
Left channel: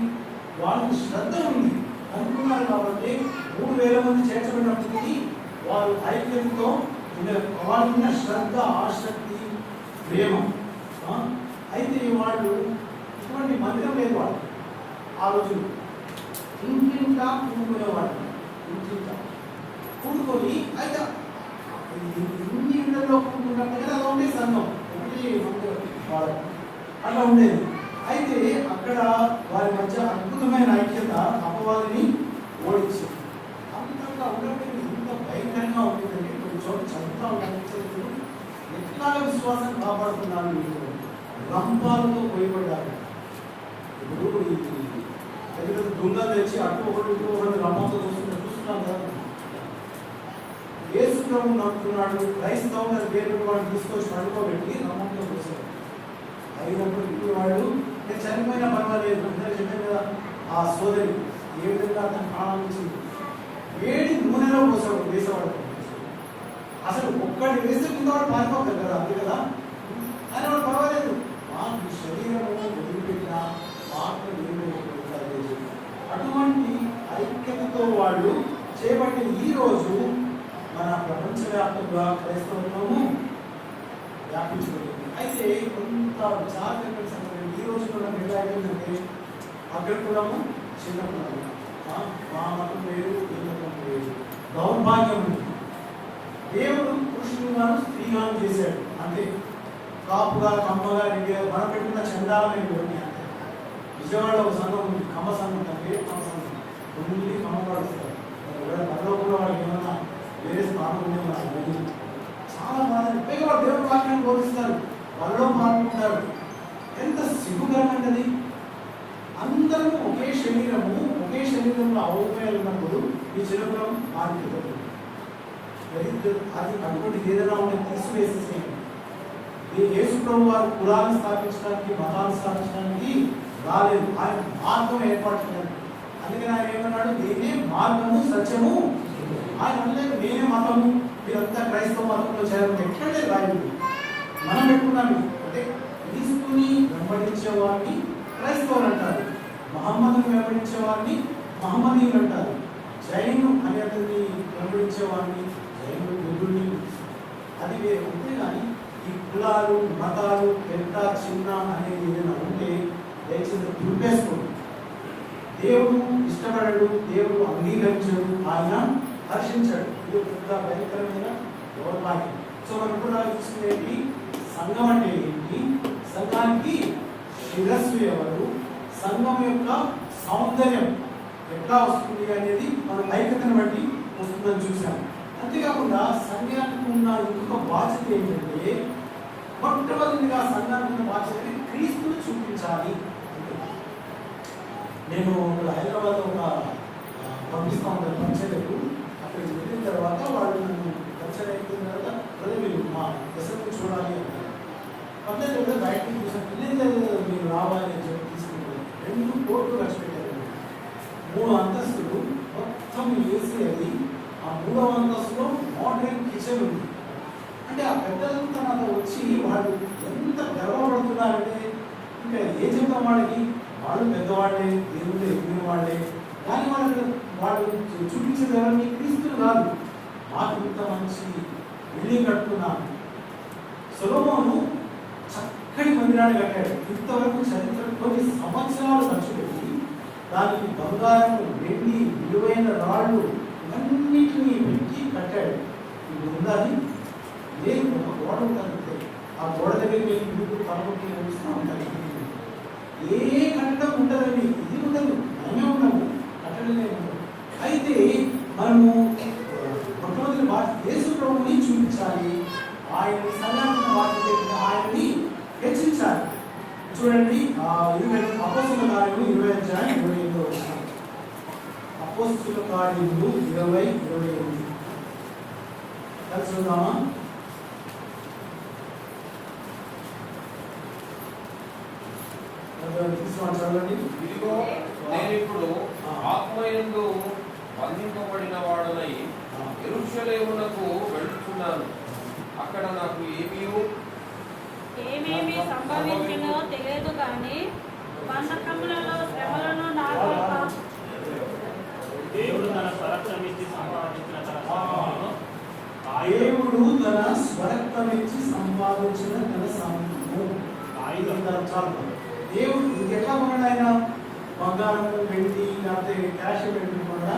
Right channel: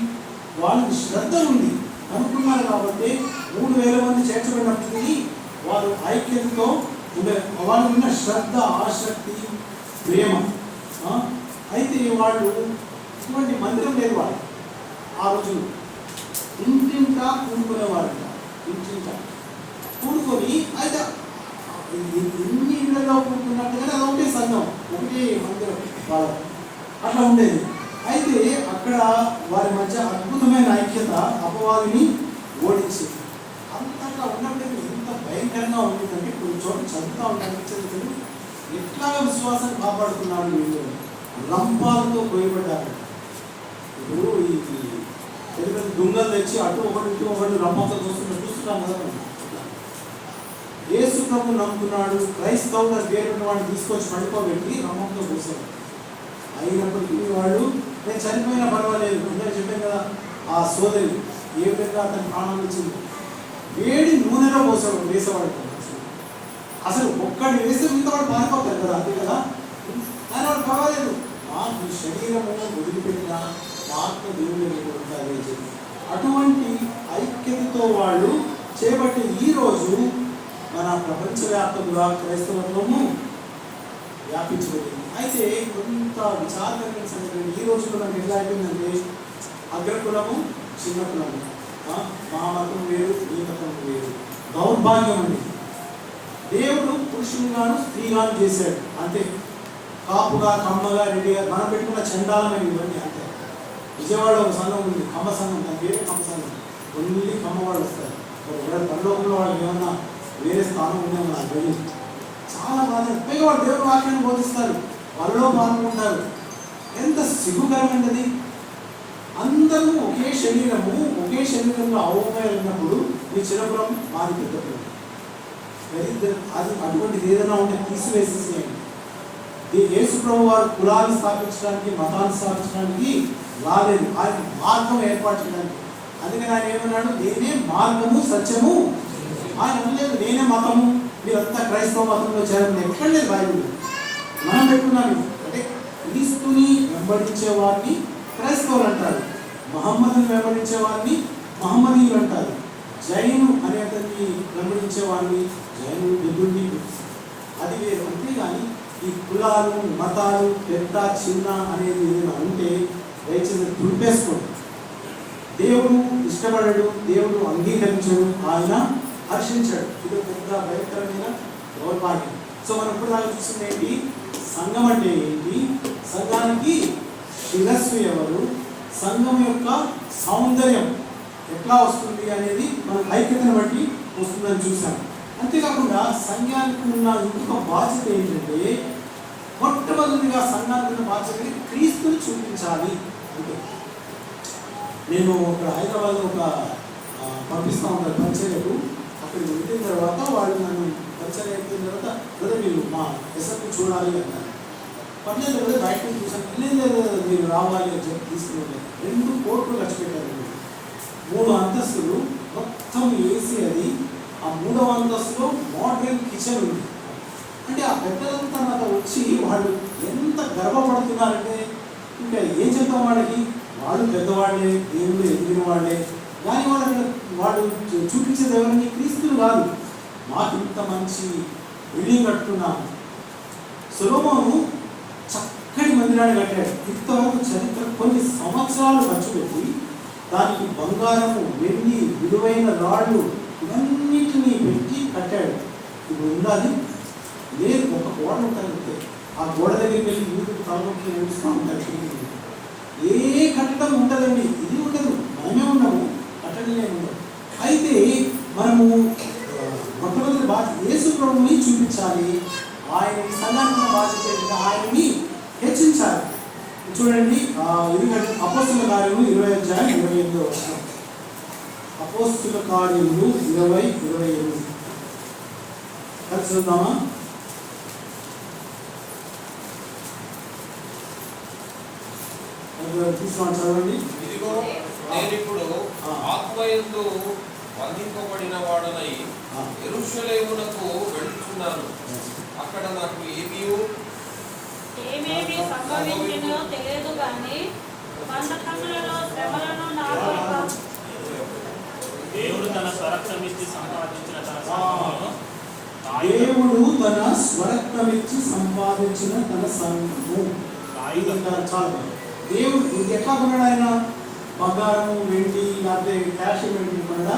వాళ్ళకి శ్రద్ధ ఉంది అనుకున్నారు కాబట్టి 3,000 మంది చేర్చబడినప్పటికీ వారు ఐక్యంతో ఉండే, వాళ్ళకు ఉన్న శ్రద్ధ, ఆసక్తి, ప్రేమ. అయితే వాళ్ళు ఇటువంటి మందిరం లేదు, వాళ్ళు ఆ రోజు ఇంటింటా కూడుకునేవాడు. ఇంటింటా కూడుకొని అయితే ఇన్ని ఇళ్లలో కూడుకున్నట్టుగానే అలా ఉండే సంఘం, ఒకటి మందిరం వాళ్ళ అట్లా ఉండేది. అయితే అక్కడ వారి మధ్య అద్భుతమైన ఐక్యత అపవాదిని ఓడించింది. అంతట్లా ఉన్నప్పటికీ ఎంత భయంకరంగా ఉంటుందంటే కొన్ని చోట్ల చదువుతూ ఉంటారు, ఎట్లా విశ్వాసం కాపాడుతున్నారు వీళ్ళు, లంపాలతో పోయబడ్డారు. ఇప్పుడు ఈ పెద్ద దుంగలు తెచ్చి అటు ఒకటి ఇటు ఒకటి రంపంతో చూస్తున్నాం కదా. యేసు ప్రభువు నమ్ముతున్నాడు, క్రైస్తవుల పేరు వాడిని తీసుకొచ్చి పడుకోబెట్టి రంపంతో పోసాడు. అయినప్పటికీ వాడు నేను చనిపోయినా పర్వాలేదు, అందరూ చెప్పాను కదా, ఆ సోదరి ఏ విధంగా అతని ప్రాణాలు వచ్చింది, వేడి నూనెలో పోసాడు, వేసేవాడు. అసలు ఒక్కడిని వేస్తే ముందు వాడు పారిపోతారు కదా, అంతే కదా. ఆయన వాడు పర్వాలేదు, మాకు శరీరంలో వదిలిపెట్టిన ఆత్మ దేవుడు ఉంటారు. అటువంటి ఐక్యతతో వాళ్ళు చేపట్టి ఈ రోజు మన ప్రపంచవ్యాప్తంగా క్రైస్తవత్వము వ్యాపించబడింది. అయితే కొంత విచారకరమైన సంగతి ఈ రోజు మనం ఎలా అయిపోయిందంటే అగ్రకులము చిన్న కులము, మా మతం వేరు ఈ మతం వేరు. దౌర్భాగ్యం ఉంది. దేవుడు పురుషునిగాను స్త్రీగాను చేశాడు అంతే. కాపుగా కమ్మగా రెడ్డిగా మనం పెట్టుకున్న చండాలమైన ఇవన్నీ అంతే. విజయవాడ ఒక సంఘం ఉంది, కమ్మ సంఘం, దాని పేరు కమ్మ సంఘం. ఓన్లీ కమ్మ వాళ్ళు వస్తారు. ఒకవేళ పరలోకంలో వాళ్ళు ఏమన్నా వేరే స్థానం ఉండే నాకు తెలియదు. చాలా బాధ. పైగా వాళ్ళు దేవుడు వాక్యాన్ని బోధిస్తారు, వాళ్ళలో పాల్గొంటారు. ఎంత సిగ్గుకరమైనది. అందరూ ఒకే శరీరంలో అవకాశాలు ఉన్నప్పుడు ఈ చిరపురం మారి పెద్దపురం. అది అటువంటిది ఏదైనా ఉంటే తీసివేసేసేయండి. యేసు ప్రభు వారు కులాన్ని స్థాపించడానికి, మతాన్ని స్థాపించడానికి రాలేదు. ఆయన మార్గం ఏర్పాటు చేయడానికి. అందుకని ఆయన ఏమన్నాడు? నేనే మార్గము సత్యము. ఆయన అనలేదు నేనే మతము, మీరంతా క్రైస్తవ మతంలో చేరండి. ఎక్కడ లేదు బైబిల్. మనం పెట్టుకున్నాను అంటే క్రీస్తుని వెంబడించే వారిని క్రైస్తవులు అంటారు, మహమ్మదుని వెంబడించే వారిని మహమ్మదీయులు అంటారు, జైను అనేటువంటి వెంబడించే వారిని జైనులు, బుద్ధుడిని. అది వేరు. అంతేగాని ఈ కులాలు మతాలు పెద్ద చిన్న అనేది ఏదైనా ఉంటే దయచేసి దుర్పేసుకోండి. దేవుడు ఇష్టపడడు, దేవుడు అంగీకరించడు, ఆయన హర్షించాడు. ఇది పెద్ద భయంకరమైన దౌర్భాగ్యం. సో మనం ఇప్పుడు నాకు చూసింది ఏంటి? సంఘం అంటే ఏంటి? సంఘానికి శిరస్సు ఎవరు? సంఘం యొక్క సౌందర్యం ఎట్లా వస్తుంది అనేది మన ఐక్యతను బట్టి వస్తుందని చూసాం. అంతేకాకుండా సంఘానికి ఉన్న ఇంకొక బాధ్యత ఏంటంటే, మొట్టమొదటిగా సంఘానికి ఉన్న బాధ్యత క్రీస్తుని చూపించాలి. అంటే నేను ఇక్కడ హైదరాబాద్ ఒక పంపిస్తూ ఉంటాను పరిచయకు. అక్కడికి వెళ్ళిన తర్వాత వాళ్ళు నన్ను పరిచయం అయిపోయిన తర్వాత మీరు మా ఎస్ఎఫ్ చూడాలి అన్నారు. పర్లేదు కదా బయటకు చూసాను. లేదు మీరు రావాలి అని చెప్పి తీసుకుని 2 కోట్లు ఖర్చు పెట్టారు. 3 అంతస్తులు మొత్తం ఏసీ. అది ఆ 3వ అంతస్తులో మోడర్న్ కిచెన్ ఉంది. అంటే ఆ పెద్దలంతా నాతో వచ్చి వాళ్ళు ఎంత గర్వపడుతున్నారంటే ఇంకా ఏం చెప్తాం వాళ్ళకి? వాళ్ళు పెద్దవాళ్ళే, దేవుళ్ళు ఎదిగిన వాళ్ళే. కానీ వాళ్ళు చూపించేది ఎవరిని? క్రీస్తులు కాదు. మాకు ఇంత మంచి బిల్డింగ్ కట్టుకున్నాం. సొలొమోను చక్కటి మందిరాన్ని కట్టాడు. ఇంతవరకు చరిత్ర కొన్ని సంవత్సరాలు ఖర్చు పెట్టి దానికి బంగారము, వెండి, విలువైన రాళ్ళు ఇవన్నిటినీ పెట్టి కట్టాడు. ఇప్పుడు ఉన్నది లేదు. ఒక గోడ ఉంటుంది. ఆ గోడ దగ్గరికి వెళ్ళి ఇందుకు కాలంకి నడుస్తూ ఉంటారు. ఏ కట్టడం ఉంటుందండి, ఇది ఉండదు. మనమే ఉండము, కట్టడమే ఉండదు. అయితే మనము మొట్టమొదటి బాధ్యత యేసు ప్రభువుని చూపించాలి. ఆయన సంఘానికి బాధ్యత ఆయన్ని హెచ్చించాలి. చూడండి అపోస్తుల కార్యములు 20:28. అపోస్తుల కార్యములు 20:28 కలిసి చూద్దామా? చదవండి. ఇదిగో నేనిప్పుడు ఆత్మయందు బంధింపబడిన వాడునై యెరూషలేమునకు వెళ్తున్నాను. అక్కడ నాకు ఏమేమి సంభవించినో తెలియదు కానీ బంధకములలో శ్రమలను నాకు దేవుడు తన స్వరక్తమిచ్చి సంపాదించిన తన సంఘము. చాలు. దేవుడు ఎట్లా కొన్నాడు? ఆయన బంగారం, వెండి, లేకపోతే క్యాష్ పెట్టి కొన్నాడా?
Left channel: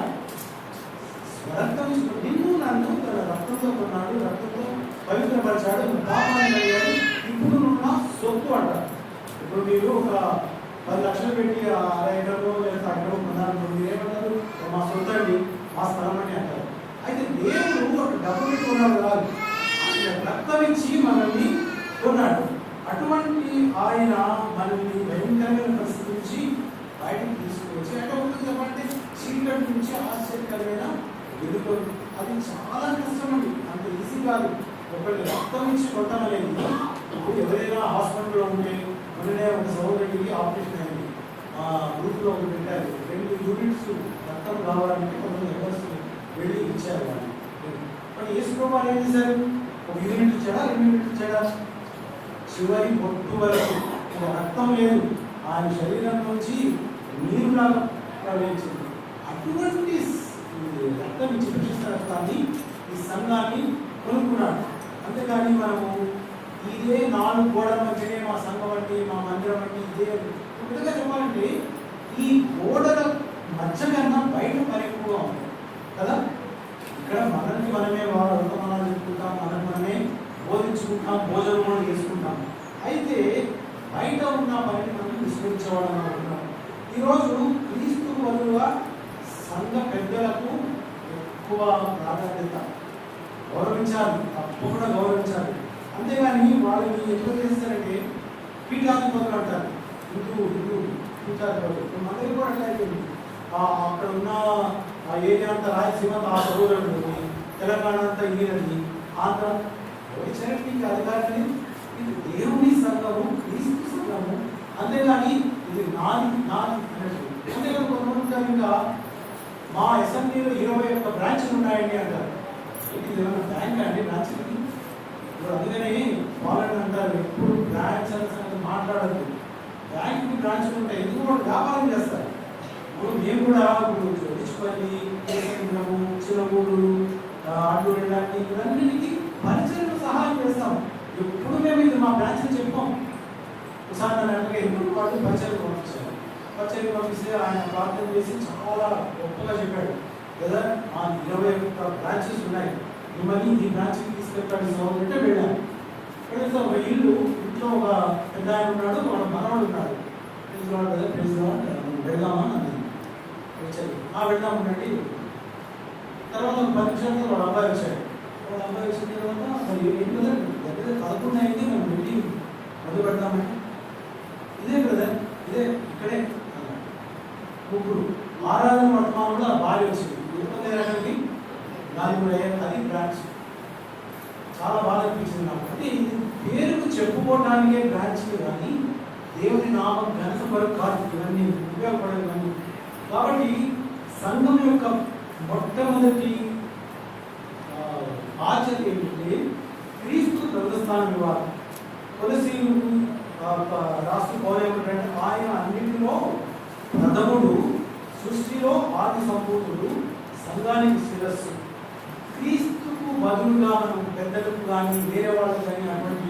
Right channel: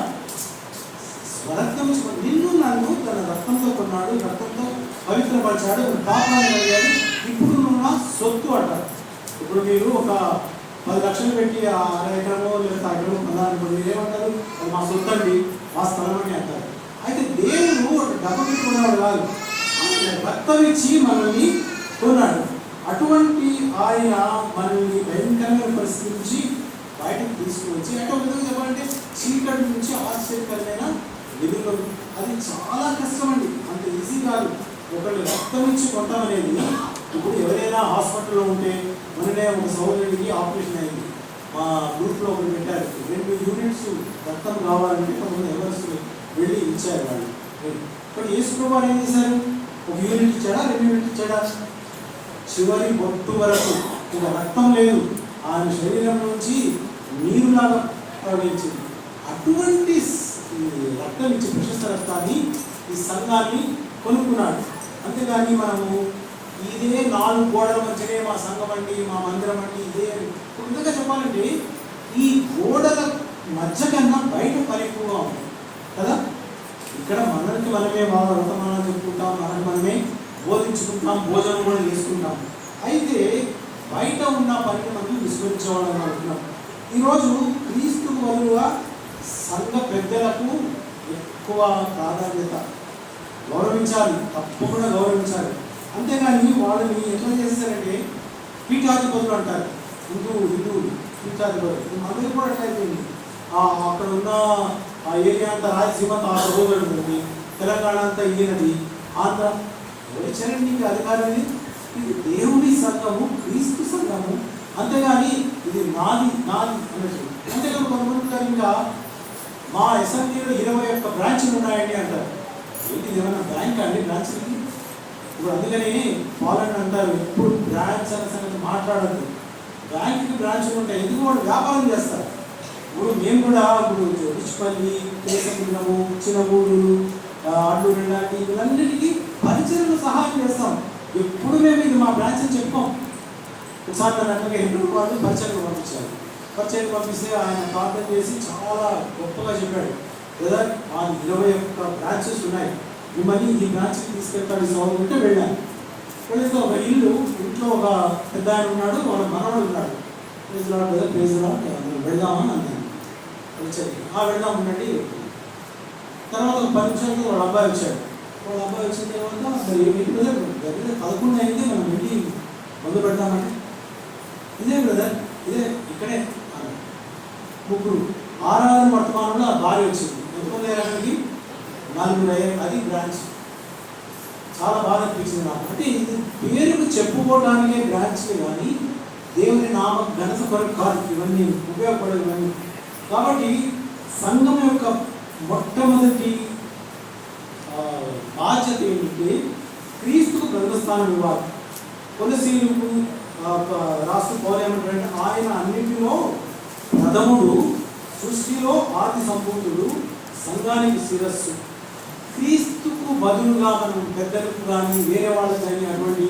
స్వరక్తం నిన్ను నన్ను తన రక్తంతో కొన్నాడు, రక్తంతో పవిత్రపరిచాడు, పాపాన్ని అడిగాడు. ఇప్పుడు నున్న సొత్తు అంటారు. ఇప్పుడు మీరు ఒక 10 లక్షలు పెట్టి ఆ ఎకరమో లేదా ఎకరమో కొన్నారనుకోండి, మీరు ఏమంటారు? మా సొత్తు అండి, మా స్థలం అని అంటారు. అయితే దేవుడు డబ్బు పెట్టుకున్నాడు కాదు, ఆయన రక్తం ఇచ్చి మనల్ని కొన్నాడు. అటువంటి ఆయన మనల్ని భయంకరమైన పరిస్థితి నుంచి బయటకు తీసుకువచ్చి అటువంటి చెప్పాలంటే చీకటి నుంచి ఆశ్చర్యకరమైన వెలుగు. అది చాలా కష్టం అండి, అంత ఈజీ కాదు. ఒకళ్ళు రక్తం ఇచ్చి కొట్టడం అనేది. ఇప్పుడు ఎవరైనా హాస్పిటల్లో ఉంటే మొన్ననే ఒక సోదరుడికి ఆపరేషన్ అయింది. మా గ్రూప్లో ఒకటి పెట్టారు. 2 యూనిట్స్ రక్తం కావాలంటే కొంతమంది ఎవరు వెళ్ళి ఇచ్చారు వాళ్ళు. కానీ యేసుప్రభువు ఏం చేశారు? 1 యూనిట్ ఇచ్చాడా, 2 యూనిట్ ఇచ్చాడా? చివరి బొట్టు వరకు రక్తం లేదు, ఆయన శరీరం నుంచి నీరులాగా ప్రవహించింది. అటువంటి రక్తం ఇచ్చి ప్రశస్త రక్తాన్ని ఈ సంఘాన్ని కొనుక్కున్నాడు. అంతేగాని మనము ఇదే 4 గోడల మధ్యనే మా సంఘం అంటే మా మందిరం అంటే ఇదే కొత్తగా చెప్పాలంటే ఈ గోడల మధ్య కన్నా బయట పని ఎక్కువగా ఉంది కదా. ఇక్కడ మనకి మనమే వర్తమానాలు చెప్పుకుంటాం, మనమే బోధించుకుంటాం, భోజనం కూడా తీసుకుంటాం. అయితే బయట ఉన్న పనిని మనం విస్మరించేవాళ్ళని అనుకుంటున్నాం. ఈరోజు క్రీస్తుకు బదులుగా సంఘ పెద్దలకు ఎక్కువ ప్రాధాన్యత, గౌరవించాలి, తప్పకుండా గౌరవించాలి. అంతేగాని వాళ్ళని ఎట్లా చేస్తారంటే పీఠాధిపతులు అంటారు, హిందూ పీఠాధిపతులు. మన దగ్గర కూడా ఎట్లా అయిపోయింది, అక్కడ ఉన్న ఆ ఏరియా అంతా రాయలసీమ అంతా ఆ రోజు ఉంటుంది, తెలంగాణ అంతా ఈయనది, ఆంధ్ర వచ్చారండి అధికారాన్ని. ఇది దేవుని సంఘము, క్రీస్తు సంఘము. అంతేగాని ఇది నాది అనేది. అంతేకాదు కొంతమంది ఉంటారు ఇంకా మా అసెంబ్లీలో 21 బ్రాంచ్లు ఉన్నాయండి అంటారు. ఏంటి ఏమైనా బ్యాంక్ అండి బ్రాంచ్? ఇప్పుడు అందుకని వాళ్ళని అంటారు ఎప్పుడు బ్రాంచ్ అనే సంగతి మాట్లాడద్దు. బ్యాంక్కి బ్రాంచ్లు ఉంటాయి, ఎందుకు వాళ్ళు వ్యాపారం చేస్తారు. ఇప్పుడు మేము కూడా ఇప్పుడు రిచ్పల్లి, కేసముద్రము, చిన్నగూడు, అడ్డూరు ఇలాంటి ఇవన్నిటికీ పరిచయలు సహాయం చేస్తాం. ఎప్పుడు మేము ఇది మా బ్రాంచ్ అని చెప్పాం. ఉదాహరణగా ఎప్పుడు వాళ్ళు పరిచయలు పంపించారు. పరిచయం పంపిస్తే ఆయన ప్రార్థన చేసి చాలా గొప్పగా చెప్పాడు, బ్రదర్ ఆ 21 బ్రాంచెస్ ఉన్నాయి, మిమ్మల్ని ఈ బ్రాంచ్కి తీసుకెళ్తాడు సోదరుంటే వెళ్ళాను. వెళితే ఒక ఇంట్లో ఒక పెద్ద ఆయన ఉన్నాడు, ఒక మనవడు ఉన్నాడు. వెళ్దామా అన్నాను. వచ్చాడు, వెళ్దాం ఉండండి. తర్వాత 10 నిమిషాలకి వాళ్ళ అబ్బాయి వచ్చాడు. వాళ్ళ అబ్బాయి వచ్చిన తర్వాత మరి ఏంటి బ్రదర్, దగ్గర 11 అయింది, మనం వెళ్ళి మొదలు పెడదామంటే ఇదే బ్రదర్, ఇదే ఇక్కడే ముగ్గురు ఆరాధన వర్తమానంలో భార్య వచ్చింది. ఎంతమంది 4 అది బ్రాంచ్. చాలా బాగా అనిపించింది నాకు. అంటే ఇది పేరుకు చెప్పుకోవడానికే బ్రాంచ్ కానీ దేవుని నామం ఘనత కొరకు కాదు, ఇవన్నీ ఉపయోగపడదు ఇవన్నీ. కాబట్టి సంఘం యొక్క మొట్టమొదటి బాధ్యత ఏంటంటే క్రీస్తు గర్భస్థానం ఇవ్వాలి. కొలసీలకు రాస్తూ పౌరేమంటారంటే ఆయన అన్నింటిలో ప్రథముడు, సృష్టిలో ఆది సంపూర్ణుడు, సంఘానికి శిరస్సు. క్రీస్తుకు బదులుగా మనం పెద్దలకు కానీ వేరే వాళ్ళకి కానీ అటువంటి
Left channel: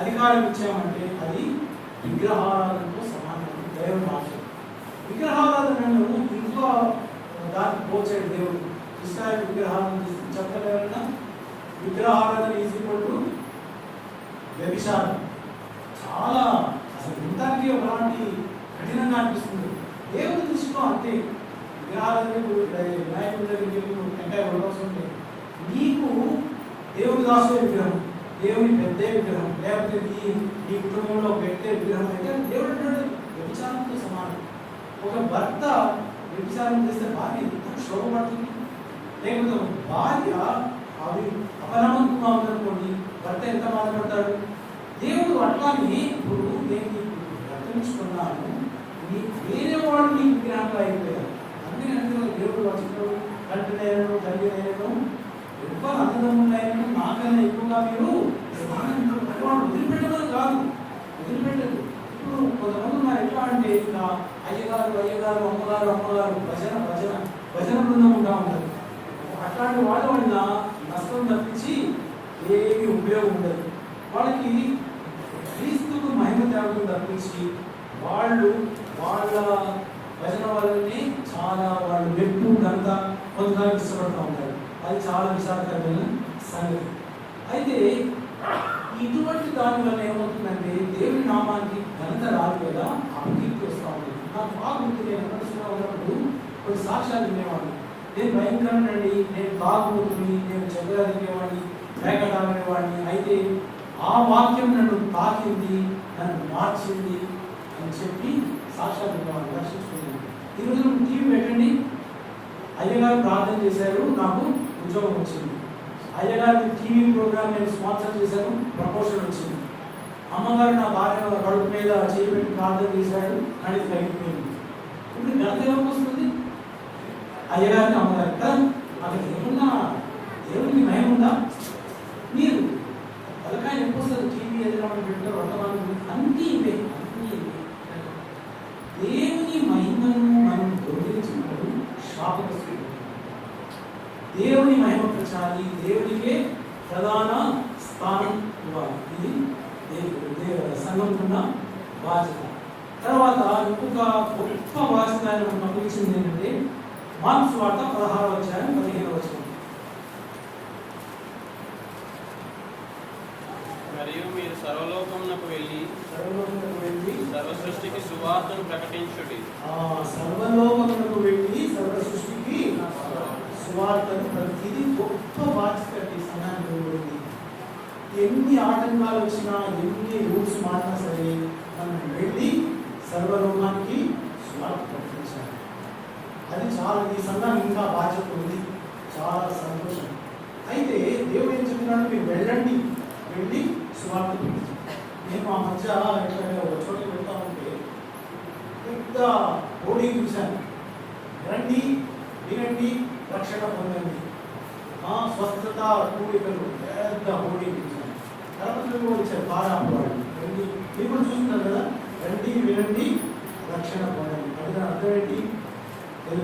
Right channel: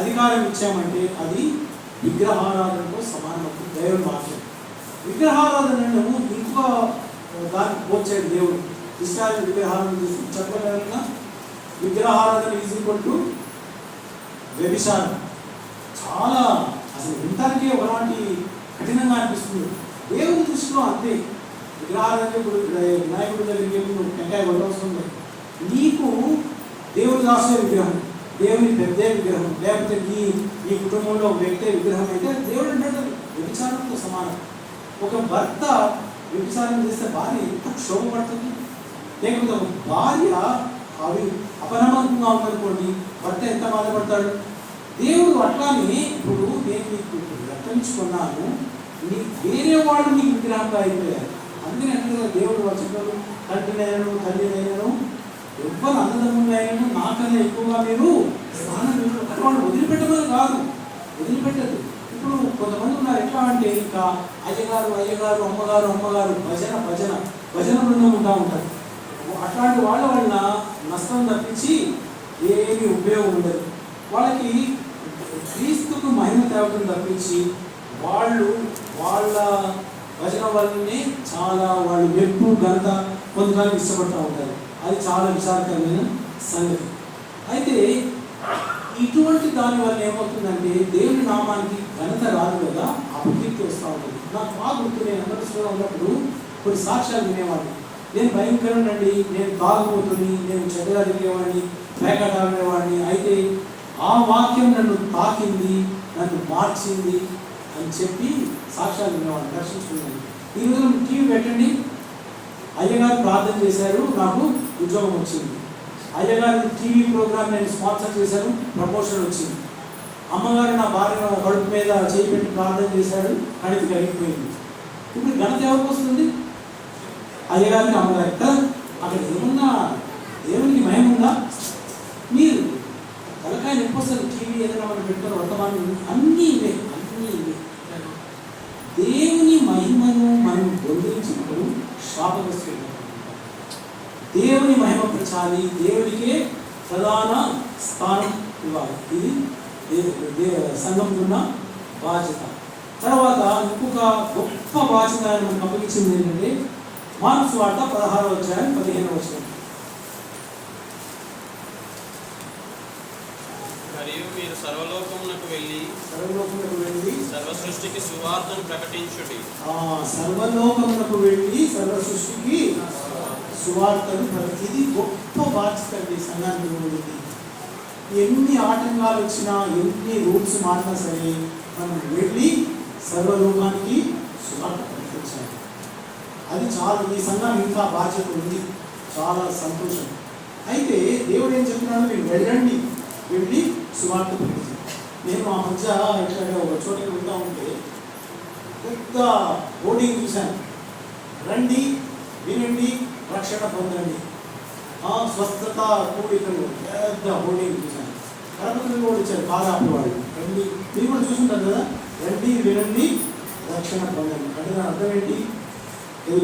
అధికారం ఇచ్చామంటే అది విగ్రహారాధనతో సమానం. దైవ భాష విగ్రహారాధనను ఇంకా దానికి పోల్చాడు దేవుడు. ఇస్రాయేల్ విగ్రహాలను చెప్పగలరా? విగ్రహారాధన ఈజ్ ఈక్వల్ టు వ్యభిచారం. చాలా అసలు వినటానికి ఒకలాంటి కఠినంగా అనిపిస్తుంది. దేవుని దృష్టిలో అంతే. విగ్రహారాధన ఇప్పుడు వినాయకుడి దగ్గరికి వెళ్ళి నువ్వు టెంకాయ కొట్టవస్తుంది. నీకు దేవుడు దాసే విగ్రహం, దేవుని పెద్ద విగ్రహం, లేకపోతే నీ కుటుంబంలో ఒక వ్యక్తి విగ్రహం అయితే దేవుడు అంటే వ్యభిచారంతో సమానం. ఒక భర్త వ్యభిచారం చేస్తే భార్య ఎంత క్షోభపడుతుంది. లేకపోతే ఒక భార్య అవి అపనమ్మకంగా ఉందనుకోండి, భర్త ఎంత బాధపడతాడు. దేవుడు అట్లానే ఇప్పుడు నేను నీకు రక్షించుకున్నాను, నీ వేరే వాడు నీకు విగ్రహంగా అయిపోయారు. అందుకని అంటే దేవుడు వచ్చాడు, కంటినైనను తల్లినైనను ఎవ్వరు అన్నదమ్ములైనను నాకన్నా ఎక్కువగా మీరు వాడు వదిలిపెట్టమని కాదు, వదిలిపెట్టదు. ఇప్పుడు కొంతమంది ఉన్నారు ఎట్లా అంటే ఇంకా అయ్యగారు అమ్మగారు భజన బృందం ఉంటా ఉంటారు. అట్లాంటి వాళ్ళ వలన నష్టం తప్పించి ఏమీ ఉపయోగం ఉండదు. వాళ్ళకి క్రీస్తుకు మహిమ తేవడం తప్పించి వాళ్ళు వాళ్ళ భజన వల్లనే చాలా వాళ్ళు మెప్పు ఘనత పొందడానికి ఇష్టపడుతూ ఉంటారు. అది చాలా విచారకరమైన సంగతి. అయితే ఇటువంటి దాని వల్ల ఏమవుతుందంటే దేవుని నామానికి ఘనత రాదు కదా, అపకీర్తి వస్తూ ఉంటుంది. నాకు బాగా గుర్తు, నేను అందరిలో ఉన్నప్పుడు కొన్ని సాక్ష్యాలు వినేవాడిని. నేను భయంకరండి, నేను తాగుబోతుని, నేను చెడ్డగా తిరిగేవాడిని, వేగట ఆగేవాడిని. అయితే ఆ వాక్యం నన్ను తాకింది, నన్ను మార్చింది అని చెప్పి సాక్ష్యాలు వినేవాడిని, దర్శించుకున్నాను. ఈరోజు టీవీ పెట్టండి, అయ్యగారు ప్రార్థన చేశారు, నాకు ఉద్యోగం వచ్చింది. అయ్యగారు టీవీ ప్రోగ్రామ్ నేను స్పాన్సర్ చేశాను, ప్రమోషన్ వచ్చింది. అమ్మగారు నా భార్య కడుపు మీద చేయి పెట్టి ప్రార్థన చేశాడు, కానీ ఇది కలిగిపోయింది. ఇప్పుడు ఘనత ఎవరికి వస్తుంది? అయ్యగారికి, అమ్మగారి కదా. అక్కడ ఏమన్నా దేవునికి మహిమ ఉందా? మీరు తలకాయ నొప్పి వస్తుంది. టీవీ ఏదైనా మనం పెట్టారు, వర్తమానం అన్నీ ఇవే. దేవుని మహిమను మనం దొంగిలించినప్పుడు శాపగ్రస్తం ఉంచాలి, దేవుడికే ప్రధాన స్థానం ఇవ్వాలి. ఇది సంఘంలో ఉన్న బాధ్యత. తర్వాత ఇంకొక గొప్ప బాధ్యత ఆయన మనకు అప్పగించింది ఏంటంటే మార్క్స్ వార్త 16వ అధ్యాయం 15వ వచనం. మరియు మీరు సర్వలోకమునకు వెళ్ళి సర్వ సృష్టికి సువార్తను ప్రకటించుడి. సర్వలోకమునకు వెళ్ళి సర్వ సృష్టికి సువార్తను. ఇది గొప్ప బాధ్యత సంఘానికి ఇవ్వబడింది. ఎన్ని ఆటంకాలు వచ్చినా, ఎన్ని రూల్స్ మారినా సరే మనం వెళ్ళి సర్వలోకానికి సువార్త ప్రకటించాలి. అది చాలా, ఈ సంఘానికి ఇంకా బాధ్యత ఉంది. చాలా సంతోషం. అయితే దేవుడు ఏం చెప్తున్నాడు, మీరు వెళ్ళండి, వెళ్ళి సువార్త ప్రకటించాలి. నేను మా మధ్య ఇక్కడ ఒక చోటకి వెళ్తా ఉంటే పెద్ద హోర్డింగ్ చూశాను, రండి, వినండి, రక్షణ పొందండి, స్వస్థత కూడికలు, పెద్ద హోర్డింగ్ చూశాను. కరపతులు కూడా వచ్చారు, కారాపవాళ్ళు. రండి, మీరు కూడా చూసుంటారు కదా, రండి, వినండి, రక్షణ పొందండి. అంటే దాని అర్థం ఏంటి?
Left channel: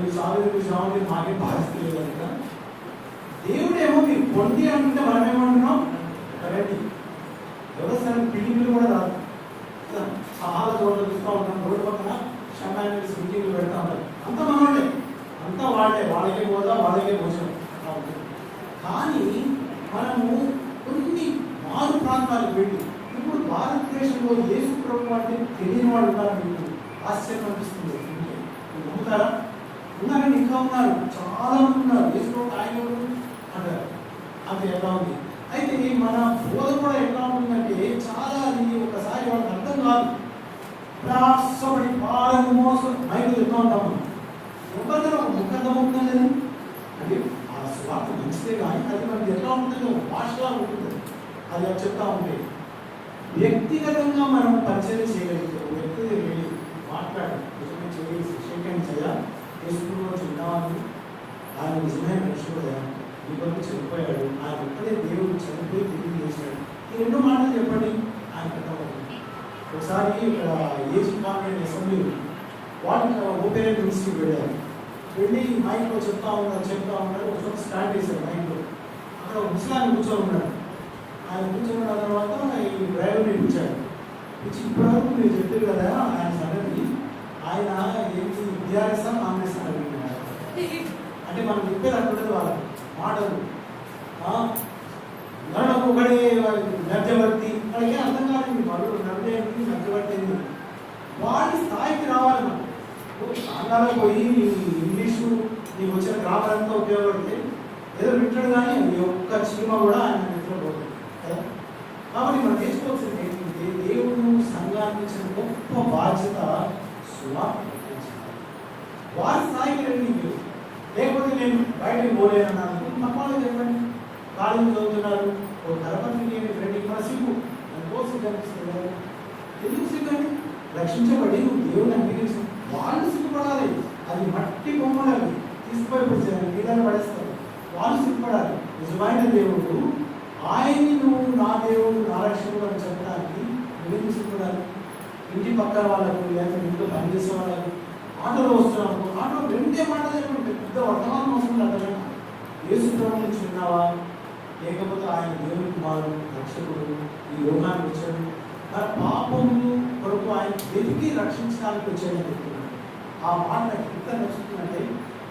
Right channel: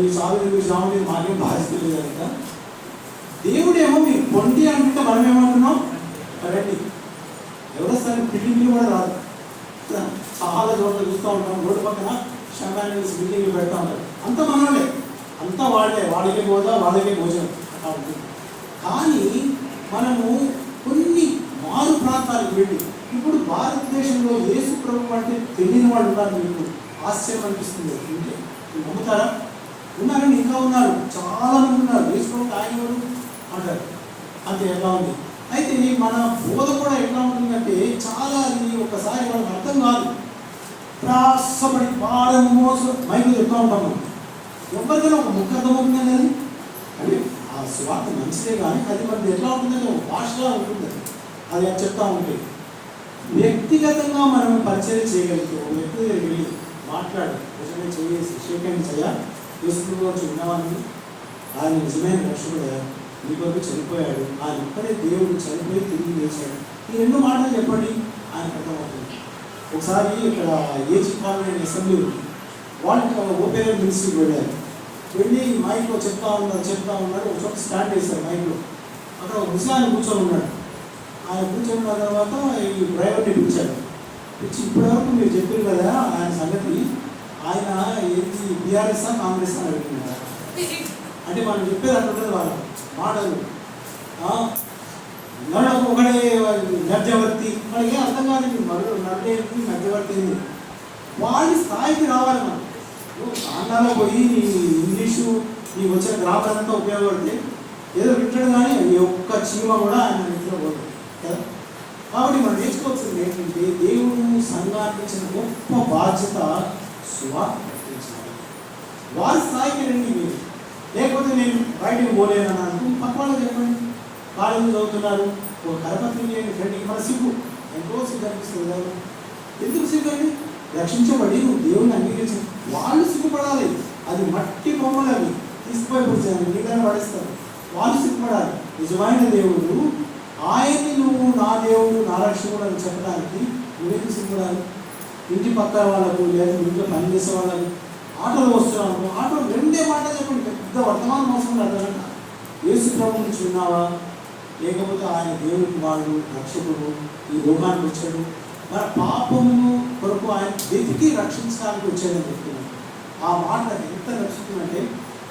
మీ సాగు సాగు మాకేం బాధ్యత లేదు కనుక దేవుడేమో మీరు పొండి అనుకుంటే మనం ఏమంటున్నాం, రండి. ఎవరొస్తారని బిల్డింగ్లు కూడా రాదు. చాలా చోట్ల చూస్తూ ఉంటాం, రోడ్డు పక్కన శంకాన్ని బిల్డింగ్లు పెడతా ఉంటారు. అంతా మనోళ్ళే, అంతా వాళ్ళకే పోదా, వాళ్ళకే భోజనం అట్లా ఉంటుంది. కానీ మనము కొన్ని మారు ప్రాంతాలకు వెళ్ళి, ఇప్పుడు భారతదేశంలో యేసు ప్రభు అంటే తెలియని వాళ్ళు ఉన్నారు. మీకు ఆశ్చర్యం అనిపిస్తుంది అంటే మీరు నమ్ముతారా? ఉన్నారండి, ఇంకా ఉన్నారు, చాలా మంది ఉన్నారు. యేసు ప్రభు ఆయన అంటారు. అంతే ఎలా ఉంది. అయితే మన బోధ కూడా ఎట్లా ఉంటుందంటే చాలా, ఇది ఒకసారి వాళ్ళకి అర్థం కాదు. ప్రాసపడి పాడము మోసం మైకులు చెప్తా ఉంటాము. ఎవరికైనా ఒక ముఖ అర్థం అవుతుంది కానీ అంటే ఆ స్వార్థ మంచిదే, కానీ అది మనది ఎట్లా ఉంటుందంటే ఒక భాషగా ఉంటుంది. అది చెప్తా ఉంటే వ్యక్తిగతంగా మనం పరిచయం చేయగలిగితే, ఒక వ్యక్తి వెళ్ళి మాట్లాడు, నిజమే చేసి షేకండి చేయ చేసుకుంటూ విన్నవాన్ని, ఆయన నిజమైన రక్షకుడు, నీ కొరకు చనిపోయాడు, ఆయన ఒక్కడే దేవుడు చనిపోయి తిరిగి చేశాడు. ఈ రెండు మాటలు చెప్పండి, ఆయన అర్థమవుతుంది. ఒకసారి ఇక్కడ ఏజీ కాన్వెంట్ అసెంబ్లీ వాళ్ళు ఓపెన్ మినిస్ట్రీకి వెళ్ళారు. వెళ్ళి మైక్లో చెప్తా ఉన్నారు. ఒక చోట స్టార్ట్ చేశారు మైక్లో. అక్కడ ఒక ముసలాన్ని కూర్చొని ఉన్నాడు. ఆయన కూర్చొని ఉన్న తర్వాత ఈ డ్రైవర్ని పిలిచారు. పిలిచి ఇప్పటివరకు మీరు చెప్పారు కదా ఆయన సంగతి, ఆయన ఏంటి బీఆర్ఎస్ కాంగ్రెస్ అని అడుగుతున్నారు. అంటే మనం చెప్పేది అంటున్నది వాళ్ళ మాటలు. నడకు ఒకడే మధ్యవర్తి, మనకి అర్థం కాదు. మరొక నడేది మధ్యవర్తి, వాళ్ళ స్థాయికి రావాలి మనం. ఆంధ్రాలో పోయి ఇంగ్లీషు నీకు వచ్చిన గ్రామర్ అంతా ఉపయోగపడితే ఏదో వింటాడు, కానీ ఈ ఒక్క చీమ కూడా ఆయన నిద్రపోతుంది కదా. కాబట్టి మనం నేర్చుకోవాల్సింది ఏంటంటే, దేవుడు సంఘానికి ఇచ్చిన గొప్ప బాధ్యత సువార్త ప్రకటించాలి. వారి స్థాయికి రండి మీరు. లేకపోతే నేను బయటకు పోలేను అన్నాను, పక్క వాళ్ళు చెప్పండి, కాలేజీ చదువుతున్నారు, ఒక కరపతికి ఫ్రెండ్కి మన సిగ్గు, ఎంతో సిగ్గు అనిపిస్తుంది కదా. ఎందుకు సిగ్గు అండి? రక్షించబడి నువ్వు దేవుని అంగీకరించు, వాళ్ళు సిగ్గుపడాలి. అది మట్టి బొమ్మలు, అవి తీసుకుపోయి కూర్చొని నీళ్ళని పడేస్తారు. వాళ్ళు సిగ్గుపడాలి. నిజమైన దేవుడు ఆయన్ని నువ్వు నా దేవుడు, నా రక్షకుడు అని చెప్పడానికి నువ్వేం సిగ్గుపడాలి? ఇంటి పక్కన వాళ్ళకు, లేదా ఇంట్లో పనిచేసే వాళ్ళకు, ఆటోలో వస్తున్నావు, ఆటో రెండే మాట చెప్పండి, పెద్ద వర్తమానం అవసరం అర్థం. యేసు ప్రభు నుంచి ఉన్నావా, లేకపోతే ఆయన దేవుడికి వాడు రక్షకుడు, ఈ లోకానికి వచ్చాడు, మరి పాపమును కొరకు ఆయన వెతికి రక్షించడానికి వచ్చాడని చెప్తున్నాడు. ఆ మాట నాకు ఎంత నచ్చుతుందంటే,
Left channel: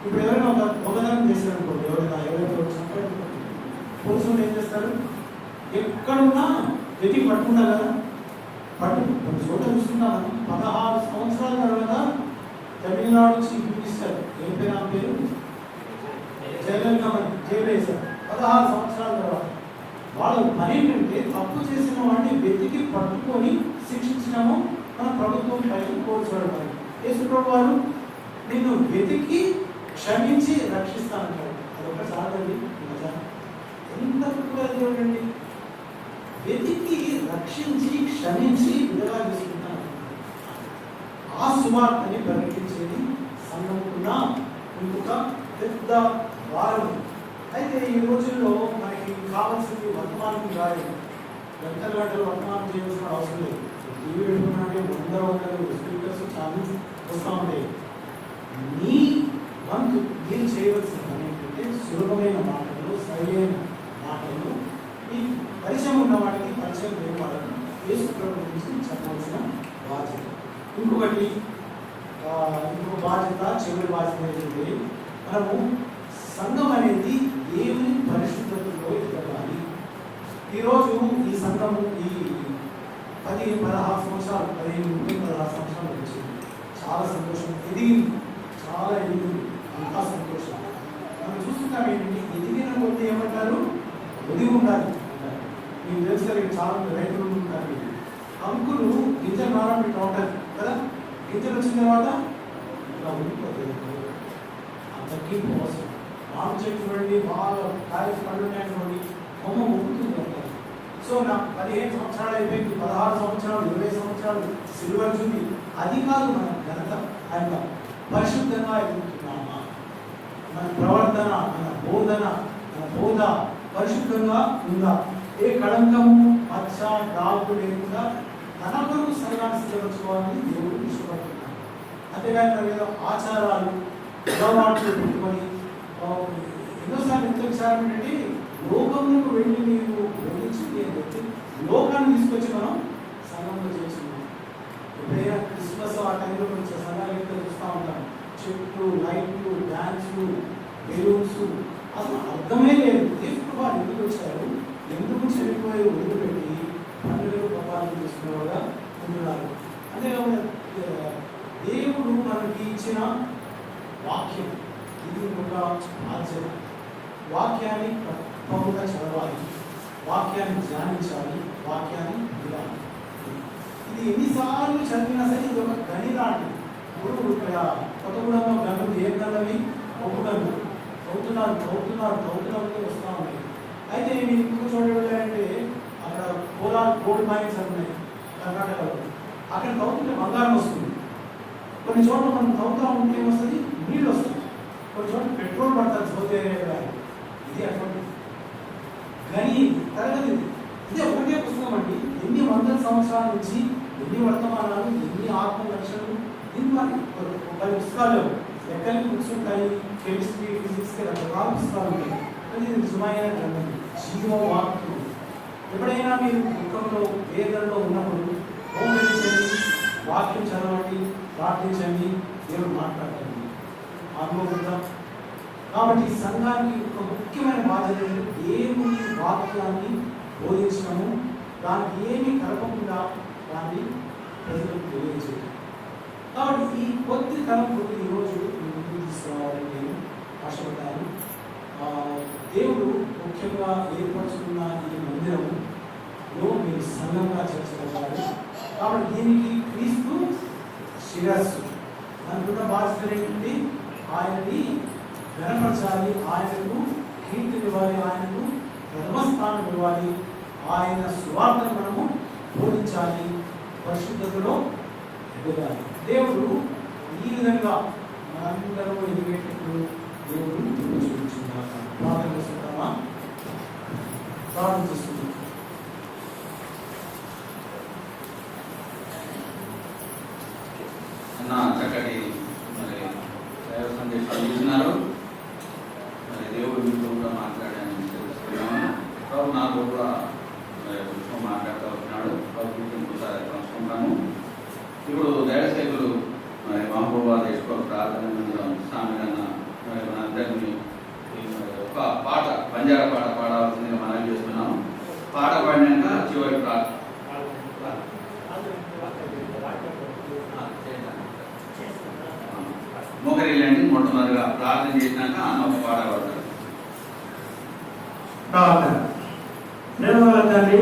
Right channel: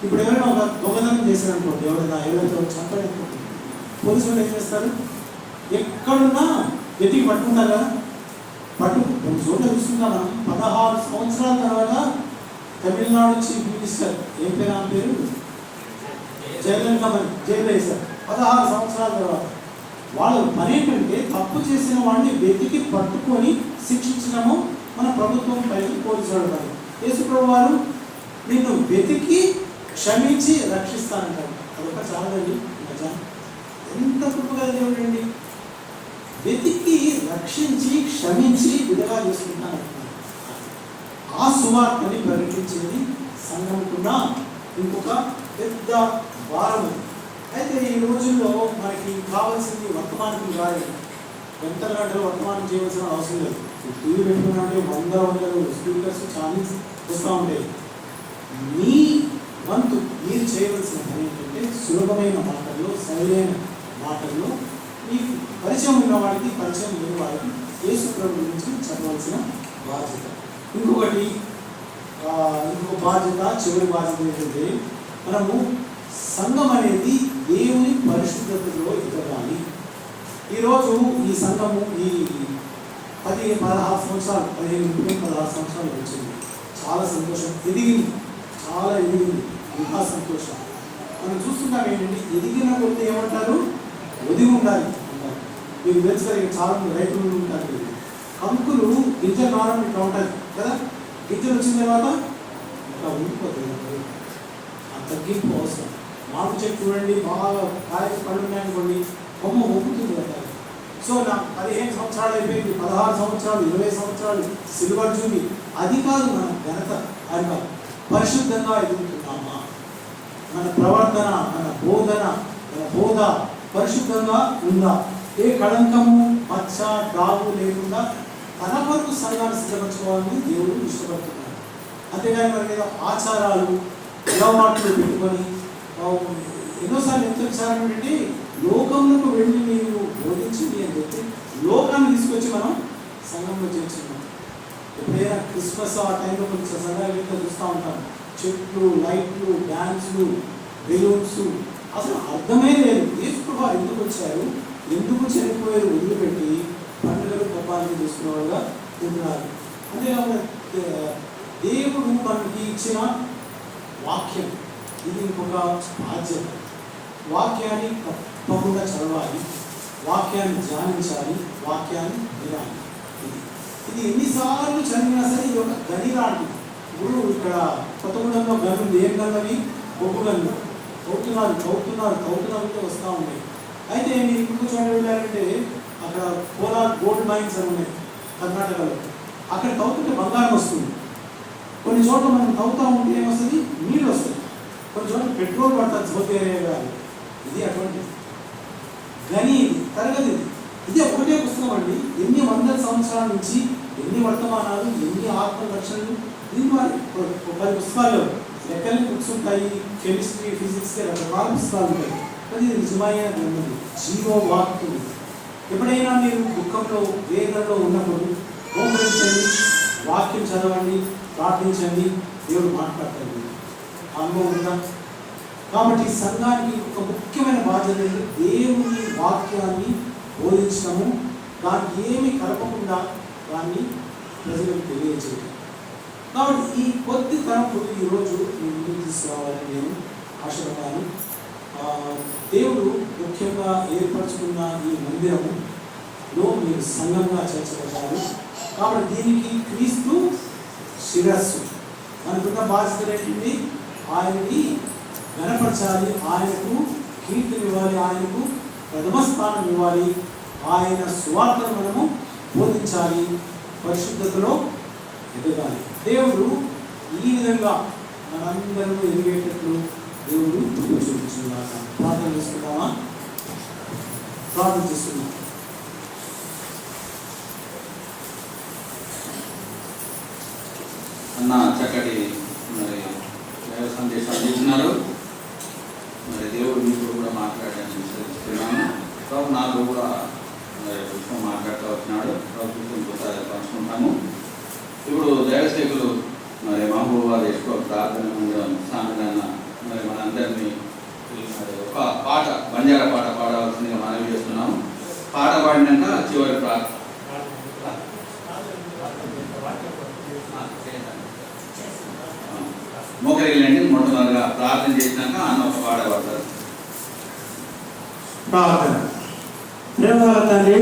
ఇప్పుడు ఎవరైనా ఒక దొంగతనం చేశాడు అనుకోండి, ఎవరైనా చంపాడు అనుకోండి, పోలీసులు ఏం చేస్తారు? ఎక్కడున్నా వెతికి పట్టుకుంటారు కదా. కొన్ని చోట్ల చూసుకుంటాం మనం. 16 సంవత్సరాల తర్వాత తమిళనాడు చీఫ్ మినిస్టర్, ఏం పేరు ఆ పేరు, జైలు వేశారు 16 సంవత్సరాల తర్వాత. వాళ్ళ పని ఏంటంటే, తప్పు చేసిన వాడిని వెతికి పట్టుకొని శిక్షించడము మన ప్రభుత్వం పైకి పోల్చాడు. మరి యేసుప్రభు వారు నిన్ను వెతికి క్షమించి రక్షిస్తానంటారు. అదొక చాలండి. ఎంత గొప్పగా దేవుడు అండి, వెతికి రక్షించి క్షమించి విడుదల చేసుకుంటాను. ఆ సువార్తని ప్రకటించేది సంఘంకున్న ఇంకొక పెద్ద వారం. అయితే ఈ రోజుల్లో మనకి కావాల్సింది వర్తమానికి కాదు. ఎంత గంటలు వర్తమానం చేయవలసిన అవసరం లేదు. టీవీ పెట్టుకున్నట్టే 100 స్పీకర్స్ ఛానల్స్ వస్తూ ఉంటాయి. మీ వంతు మీరు చేయవలసిన పని ఏంటంటే, సులభమైన మాటల్లో సరైన మాటల్లో ఈ పరిచయం ఉన్న వాడికి పరిచయం లేని వాళ్ళకి యేసు ప్రభు గురించి చెప్పాల్సిన బాధ్యత. ఇంకో బాధ్యత, చివరి బాధ్యత ఏంటంటే మనము సంఘం అనేది దేవుని పరిశుద్ధతలో ఎదగాలి. ఈరోజు ఈ సంఘము ఈ 16 సంవత్సరాలు 16 సంవత్సరాలు వచ్చింది. చాలా సంతోషం, ఎదిగింది, చాలా ఎదిగింది, ఇంకా సంతోషం. మనం చూస్తుంటాం ఏంటంటే ఎదిగిన కొద్ది ఏమంటారు, ఒదిగి ఉండాలి అంటారు. మీకు తెలుసు కదా, చాలా మంది రైతులు ఉంటారు, కంకులు గింజలు రావడం ఇట్లా ఉంటుంది కదా, గింజలు వచ్చిన తర్వాత ఇట్లా ఉండిపోతుంది. అంత తగ్గింపు అవసరం. మామిడి చెట్టు చూడండి, బాగా కాయలు పడున్నాయనుకోండి, కొమ్మ ఊపుతుంది అంటారు. సో నాకు 15 సంవత్సరాలు అయిపోయింది, 16 సంవత్సరాలు, 20 సంవత్సరాలు, సిల్వర్ జూబీ, అది కాదు మన ఘనత. ఆయన పరిశుద్ధంగా ఎదుగుతున్నామా, మన ప్రవర్తన, మన బోధ పరిశుద్ధంగా ఉందా, ఏ కళంకము, మచ్చ, డాబు లేకుండా తన వరకు సంఘాన్ని సిద్ధపరచుకోవాలని దేవుడు ఇష్టపడుతున్నాడు. అంతేగాని మన మీద ఆచారాలు, అలవాట్లు పెట్టుకొని ఎన్నోసార్లు ఎంత విచారం ఏంటి, లోకంలోకి వెళ్ళి నీకు బోధించింది అని చెప్పి లోకాన్ని తీసుకొచ్చి మనం సంఘంలో చేర్చున్నాం. ఎప్పుడైనా క్రిస్మస్ ఆ టైంలో కొంచెం సంఘాలు ఎంత చూస్తూ ఉంటాం, చెట్లు, లైట్లు, డ్యాన్స్లు, బెలూన్స్, అసలు అర్థమే లేదు. తీసుకుని ఎందుకు వచ్చారు, ఎందుకు చనిపోయారు, ఎందుకు పెట్టి పండుగలు పబ్బాలను తీసుకునేవాళ్ళుగా ఉంటున్నారు. అంతేకాకుండా దేవుడు మనకి ఇచ్చిన వాక్యం, ఇది ఇంకొక బాధ్యత. వాక్యాన్ని తప్పకుండా చదవాలి, వాక్యాన్ని ధ్యానించాలి, వాక్యాన్ని వినాలి. ఇది ఎన్నిసార్లు చదివినా సరే ఇది ఒక గని లాంటిది. ఇప్పుడు ఇక్కడ కొత్తగూడెంలో గనులు ఏం గన్నవి, బొగ్గు గనులు తవ్వుతున్నారు వస్తూ ఉన్నాయి. అయితే మీరు ఇప్పుడు చూడండి వెళ్ళారంటే అక్కడ పోలార్ గోల్డ్ మైన్స్ అని ఉన్నాయి కర్ణాటకలో. అక్కడ తవ్వుతుంటే బంగారం వస్తుంది. కొన్ని చోట్ల మనం తవ్వుతూ ఉంటే ఏమొస్తుంది, నీళ్ళు వస్తుంది. కొన్ని చోట్ల పెట్రోల్ పడుతుంది, సౌకర్యాలు. ఇది అటువంటి గని తరగతి. ఇది ఒకటే పుస్తకం అండి. ఎన్ని వందల సంవత్సరాల నుంచి ఎన్ని వర్తమానాలు, ఎన్ని ఆత్మ రక్షణలు, దీని వారి ఒక పుస్తకాలు లెక్కలు బుక్స్ ఉంటాయి, కెమిస్ట్రీ, ఫిజిక్స్, రకరకాల పుస్తకాలు ఉంటాయి. అది నిజమైన గ్రంథం, జీవో వాక్యం. ఎప్పుడైనా మీరు దుఃఖంలో, వేదనలో ఉన్నప్పుడు ఓంకరించండి, వాక్యం చదవండి, ప్రార్థించండి, దేవుడు మాట్లాడతాడు. అనుభవం. కాబట్టి సంఘానికి ఒక ముఖ్యమైన బాధ్యత దేవుని వాక్యాన్ని బోధించడము, దానికి ఏమి కలపకుండా దాన్ని ప్రజలకు తెలియజేయడం. కాబట్టి ఈ కొద్ది తరపు ఈరోజు ముందుకు తీసుకురావాలని నేను ఆశపడ్డాను. దేవుడు ముఖ్యంగా ఏర్పరచుకున్న ఈ మందిరంలో మీరు సంఘంగా చేర్చబడ్డారు. కాబట్టి దీనికి క్రీస్తు శిరస్సు. మనకున్న బాధ్యత ఏంటంటే ఆయనని గణపరచాలి, ఆయనకు కీర్తిని ఇవ్వాలి, ఆయనకు ప్రథమ స్థానం ఇవ్వాలి, ఆయన సువార్తను మనము బోధించాలి, పరిశుద్ధతలో ఎదగాలి. దేవుడు ఈ విధంగా మనందరూ ఎదిగేటట్లు దేవుడు చూపించుకున్నాడు. ప్రార్థన చేసుకుంటామా? ప్రార్థన చేసుకుందాం. అన్న చక్కటి మరి దైవ సందేశాలు ఇచ్చినారు. మరి దేవుడు మీకు కూడా మాట్లాడడానికి విశ్వసిస్తున్నాను. కాబట్టి నాకు కూడా విషయం మాట్లాడుతూ వచ్చినాడు. ప్రభుత్వం కూడా పంచుకుంటాను. ఇప్పుడు దైవసేకులు మరి మహబూబాద్ ఎక్కువ ప్రార్థన సామెతన్న మరి మనందరినీ మరి ఒక పాట, బంజారా పాట పాడవలసిందిగా మనవి చేస్తున్నాము. పాట పాడినాక చివరి మోకరిల్లండి. మొట్టమొదటిగా ప్రార్థన చేసినాక అన్న పాడబడతారు. ప్రార్థన. ప్రేమగల తండ్రి,